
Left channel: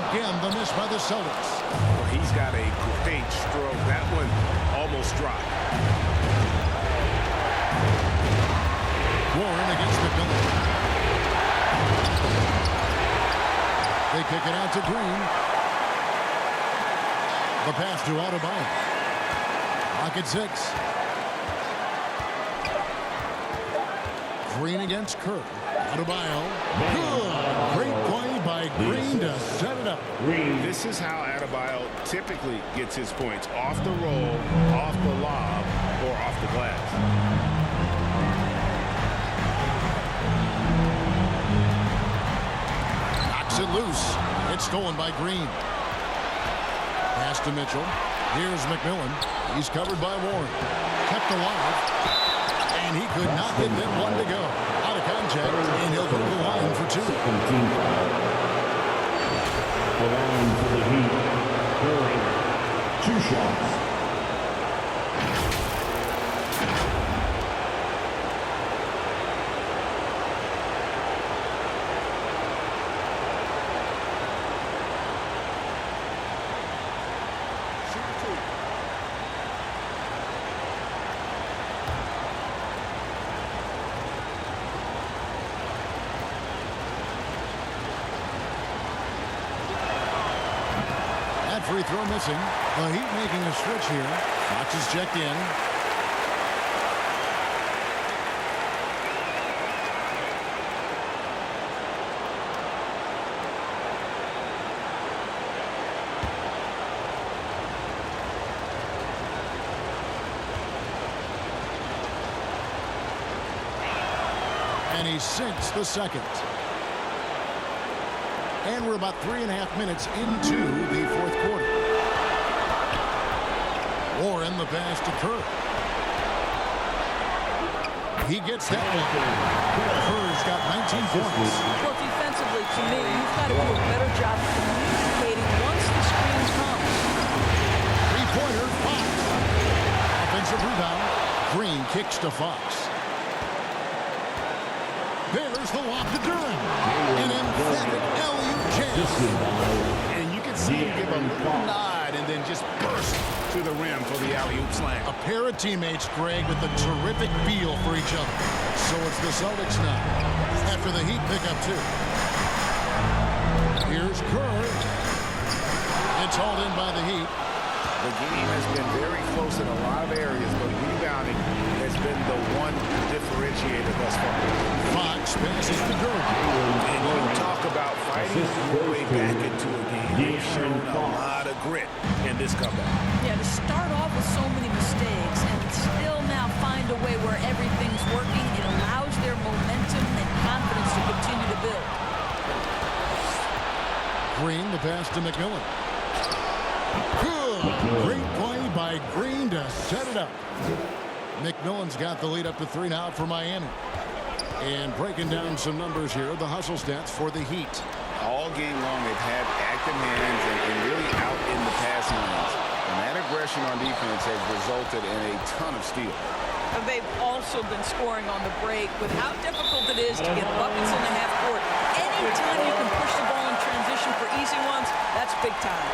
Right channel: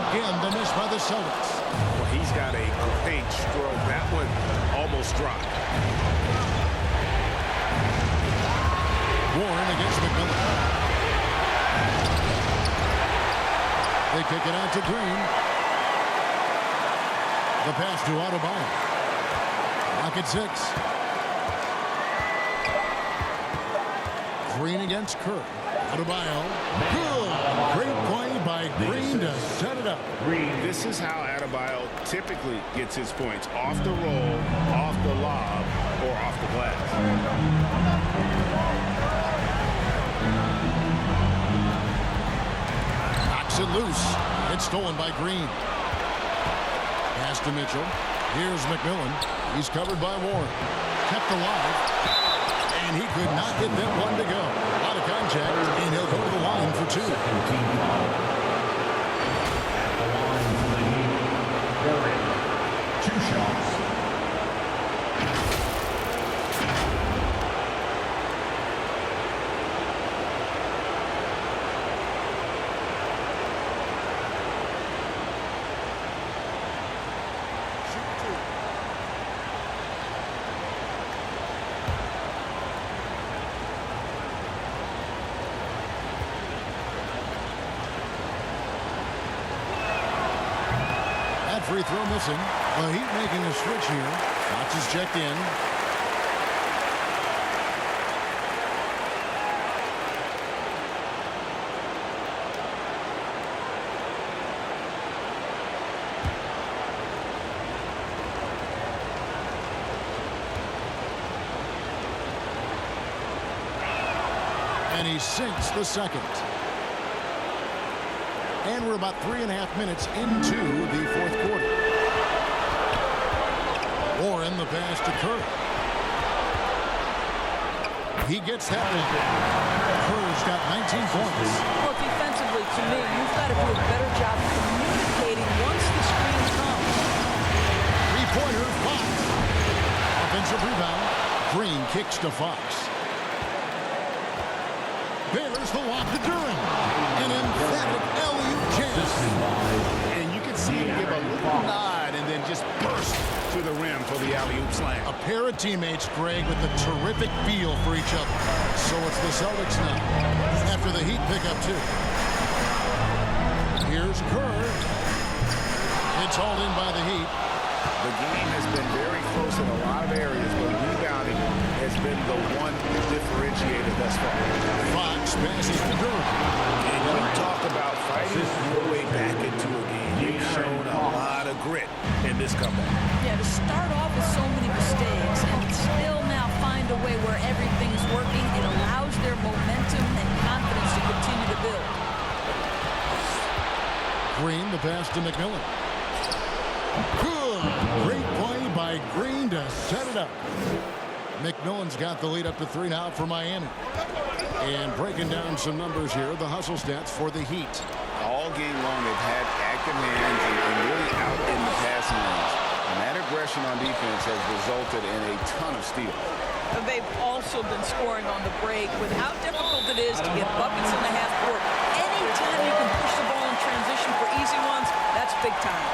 Again, the miss by the Celtics. Well, he's got a great stroke. That one almost dropped. Warren against McMillan. They kick it out to Green. The pass to Adebayo. Clock at 6. Green against Kerr. Adebayo. Good. Great play by Green to set it up. This is how Adebayo typically gets his points. Off the roll, off the lob, or off the glass. Knocks it loose. It's stolen by Green. Pass to Mitchell. Here's McMillan. He's covered by Warren. Kept alive. And he could not get that one to go. Out of contact, and he'll go to the line for 2. Second team foul. The line for the Heat. Curry. 2 shots. That free throw missing. The Heat making a switch here. Fox is checked in. And he sinks the second. And we're about 3.5 minutes into the fourth quarter. Warren, the pass to Kerr. He gets that one. Kerr's got 19 points. Well, defensively, to me, you've got to do a better job communicating once the screen comes. Three-pointer, Fox. Offensive rebound. Green kicks to Fox. There's the lob to Duran. An emphatic alley-oop chance. And you can see him give a little nod and then just burst to the rim for the alley-oop slam. A pair of teammates, Greg, with a terrific feel for each other. So it's the Celtics now. After the Heat pick up 2. Here's Kerr. It's hauled in by the Heat. The game has been very close in a lot of areas, but rebounding has been the one differentiator thus far. Fox passes to Duran. And you talk about fighting your way back into a game. They've shown a lot of grit in this comeback. Yeah, to start off with so many mistakes and still now find a way where everything's working, it allows their momentum and confidence to continue to build. Green, the pass to McMillan. Good. Great play by Green to set it up. McMillan's got the lead up to 3 now for Miami. And breaking down some numbers here, the hustle stats for the Heat. All game long, they've had active hands and really out in the passing lanes. And that aggression on defense has resulted in a ton of steals. They've also been scoring on the break. With how difficult it is to get buckets in the half court, anytime you can push the ball in transition for easy ones, That's big time.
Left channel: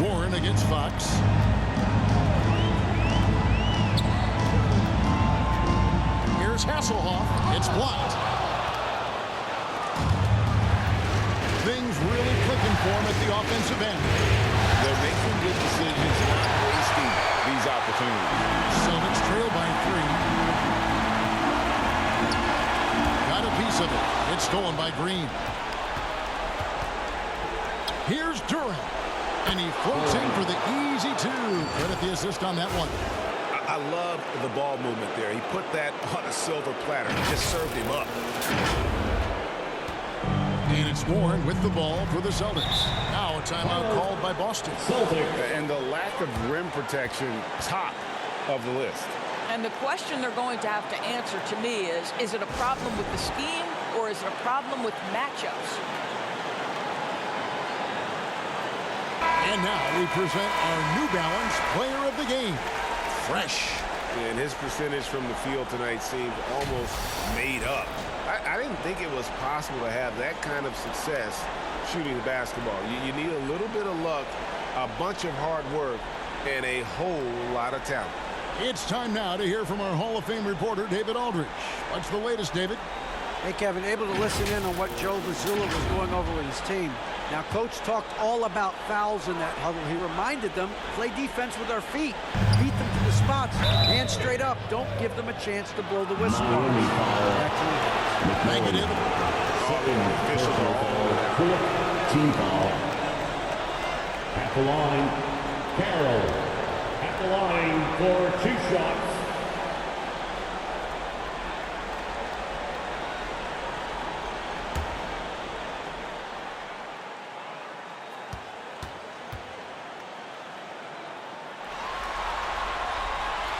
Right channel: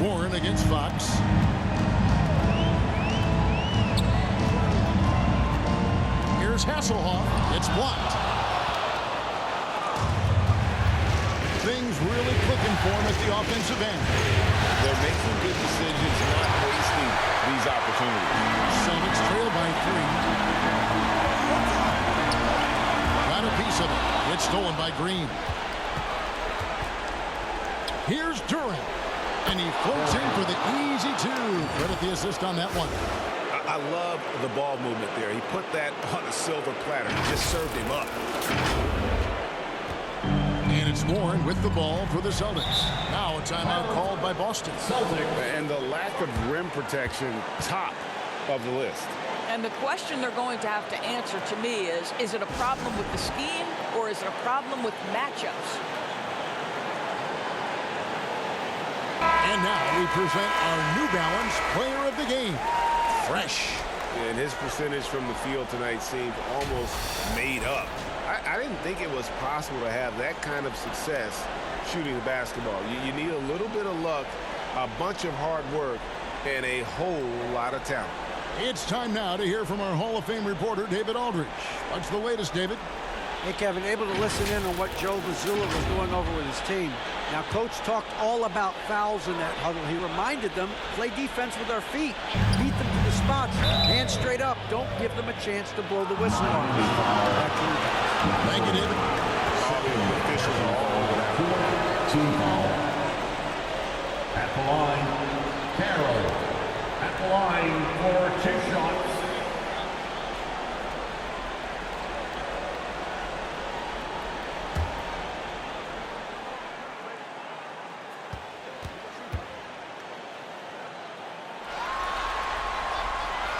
Warren against Fox. Here's Hasselhoff. It's blocked. Things really clicking for him at the offensive end. They're making good decisions, not wasting these opportunities. Celtics trail by 3. Got a piece of it. It's stolen by Green. Here's Durant. And he floats in for the easy 2. Credit the assist on that one. I love the ball movement there. He put that on a silver platter. He just served him up. And it's Warren with the ball for the Celtics. Now a timeout called by Boston. And the lack of rim protection, top of the list. And the question they're going to have to answer to me is it a problem with the scheme or is it a problem with matchups? And now we present our New Balance Player of the Game. Fresh. And his percentage from the field tonight seemed almost made up. I didn't think it was possible to have that kind of success shooting the basketball. You need a little bit of luck, a bunch of hard work, and a whole lot of talent. It's time now to hear from our Hall of Fame reporter, David Aldridge. What's the latest, David? Hey, Kevin, able to listen in on what Joe Mazzulla was going over with his team. Now, Coach talked all about fouls in that huddle. He reminded them, play defense with our feet. Beat them to the spots. Hands straight up. Don't give them a chance to blow the whistle on us. Back to you guys. Thank you, David. All the officials are all over that. Team foul. At the line, Carroll. At the line for 2 shots.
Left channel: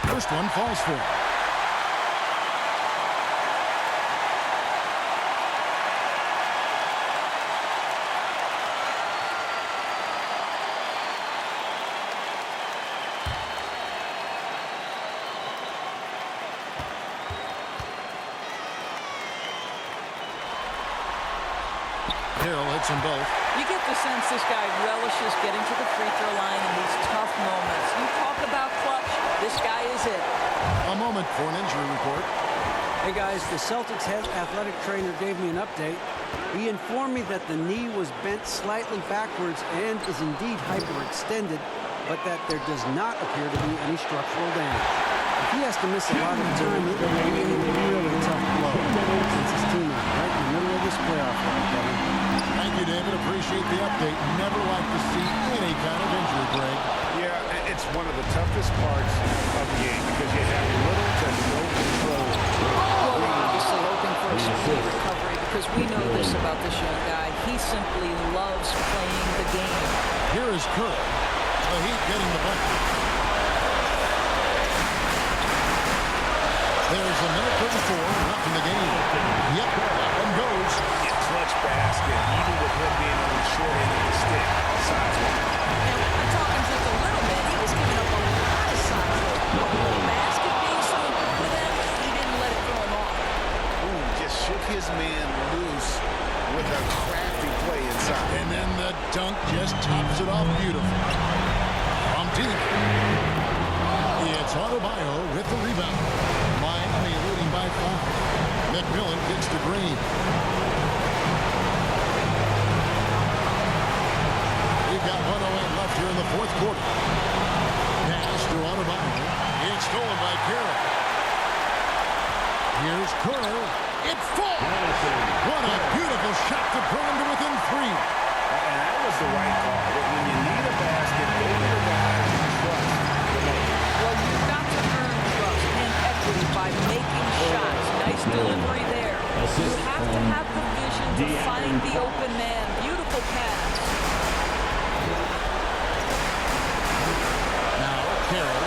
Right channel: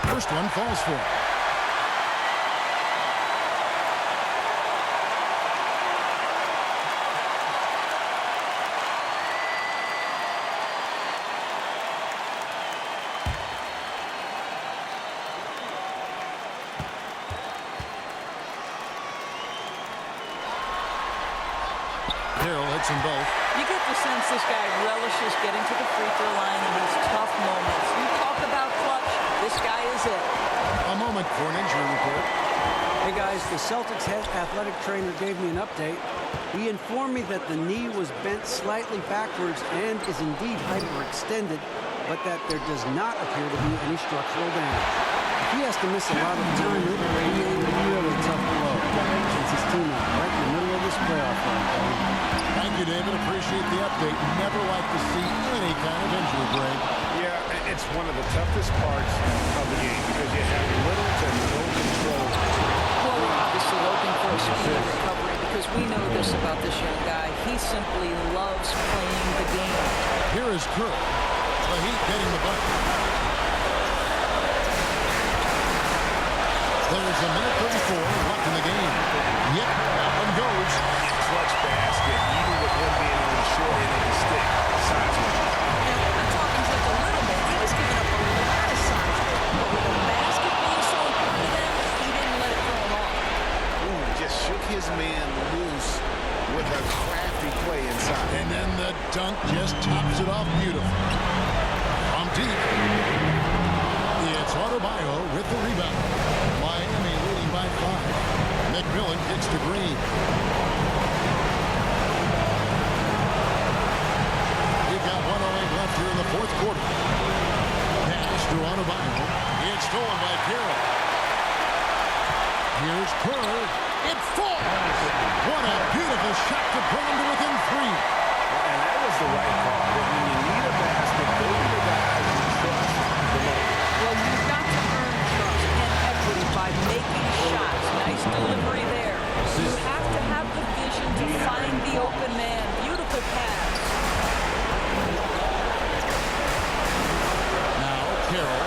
First one falls for him. Carroll hits them both. You get the sense this guy relishes getting to the free throw line in these tough moments. You talk about clutch, this guy is it. A moment for an injury report. Hey, guys, the Celtics head athletic trainer gave me an update. He informed me that the knee was bent slightly backwards and is indeed hyperextended, but that there does not appear to be any structural damage. If he has to miss a lot of time, it will be a really tough blow, since his team is right in the middle of this playoff run, Kevin. Thank you, David. Appreciate the update. Never like to see any kind of injury, Greg. Yeah, it's one of the toughest parts of the game because you have little to no control. Well, we're obviously hoping for a speedy recovery because we know this about this young guy. He simply loves playing the game. Here is Kerr. The Heat getting the bucket. There's a minute 34 left in the game. Yep, that one goes. A clutch basket, even with him being on the short end of the stick. Size-wise. And I'm talking just a little bit. He was giving up a lot of size there. But with the basket being so important to them, he didn't let it throw him off. Ooh, just shook his man loose with a crafty play inside. And then the dunk just tops it off beautifully. From deep, it's Adebayo with the rebound. Miami leading by 5. McMillan gets to Green. We've got 1:08 left here in the fourth quarter. Pass to Adebayo. It's stolen by Carroll. Here's Kerr. It falls. What a beautiful shot to bring him to within 3. And that was the right call. When you need a basket, those are the guys you trust the most. Well, you've got to earn trust and equity by making shots. Nice delivery there. You have to have the vision to find the open man. Beautiful pass. Now Carroll.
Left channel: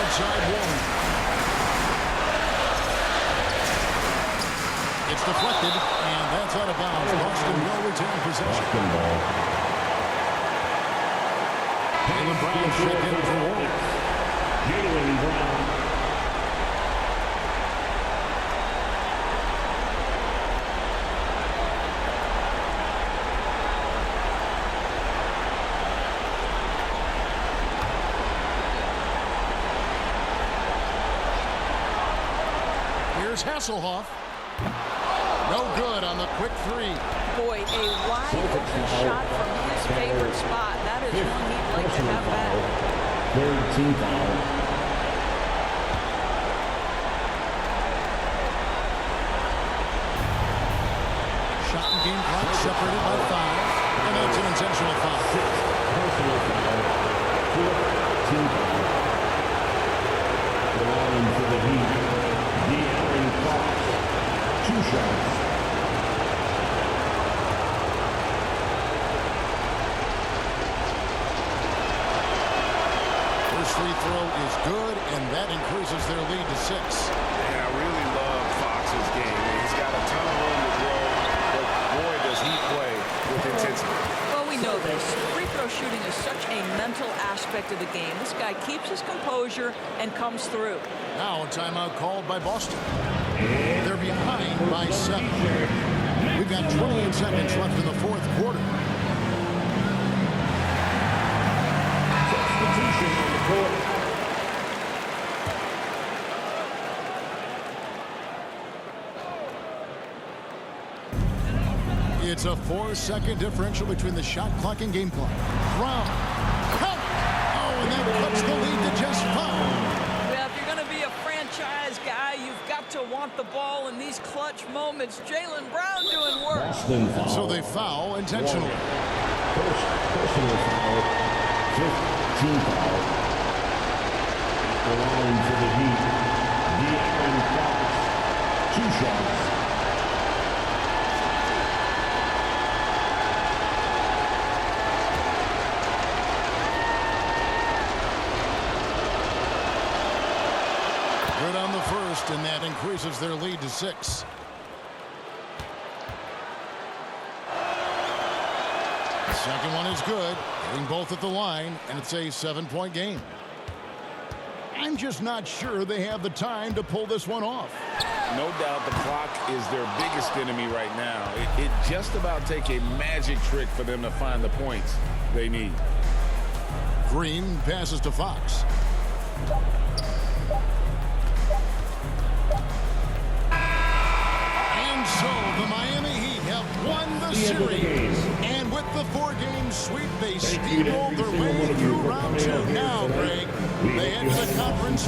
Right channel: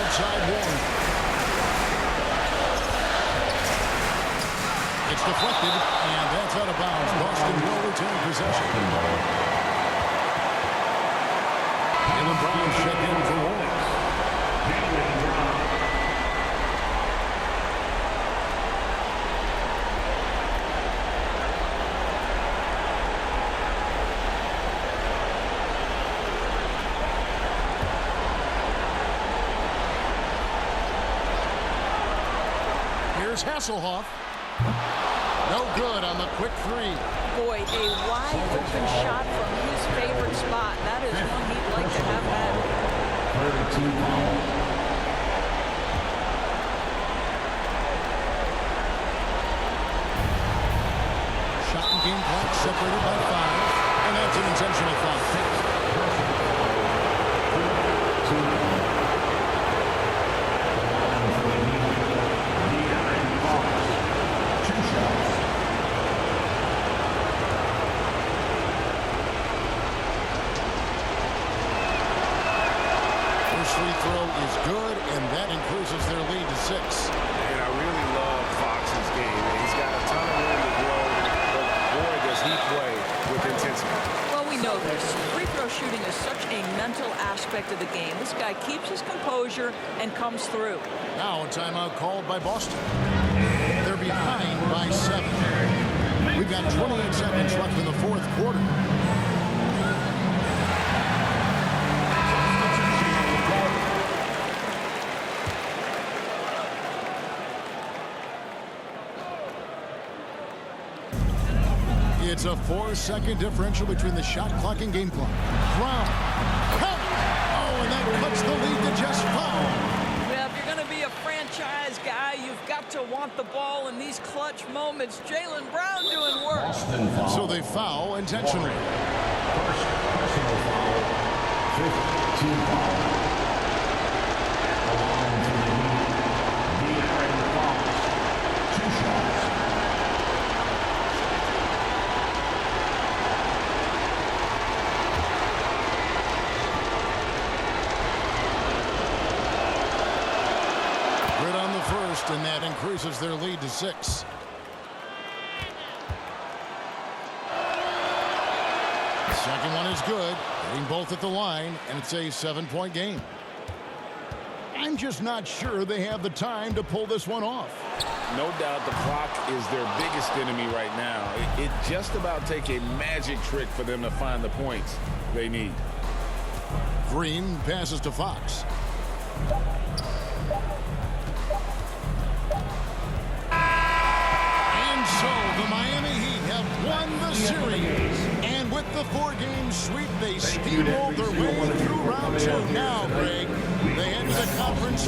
Outside Warren. It's deflected, and that's out of bounds. Boston will retain possession. Boston ball. Jaylen Brown checked in for Warren. Jaylen Brown. Here's Hasselhoff. No good on the quick three. Boy, a wide open shot from his favorite spot. That is one he'd like to have back. Third team foul. Shot and game clock separated by 5, and that's an intentional foul. Personal foul. Fourth team foul. One for the Heat. De'Aaron Fox. 2 shots. First free throw is good, and that increases their lead to 6. And I really love Fox's game. He's got a ton of room to grow, but boy, does he play with intensity. Well, we know this. Free throw shooting is such a mental aspect of the game. This guy keeps his composure and comes through. Now a timeout called by Boston. They're behind by 7. We've got 28 seconds left in the fourth quarter. Substitution on the court. It's a 4-second differential between the shot clock and game clock. Brown. Count it. Oh, and that cuts the lead to just 5. Well, if you're going to be a franchise guy, you've got to want the ball in these clutch moments. Jaylen Brown doing work. Boston foul. So they foul intentionally. First personal foul. Fifth team foul. At the line for the Heat. De'Aaron Fox. 2 shots. Good on the first, and that increases their lead to 6. Second one is good, hitting both at the line, and it's a 7-point game. I'm just not sure they have the time to pull this one off. No doubt the clock is their biggest enemy right now. It just about take a magic trick for them to find the points they need. Green passes to Fox. And so the Miami Heat have won the series. And with the 4-game sweep, they steamrolled their way through round 2. Now, Greg, they head to the conference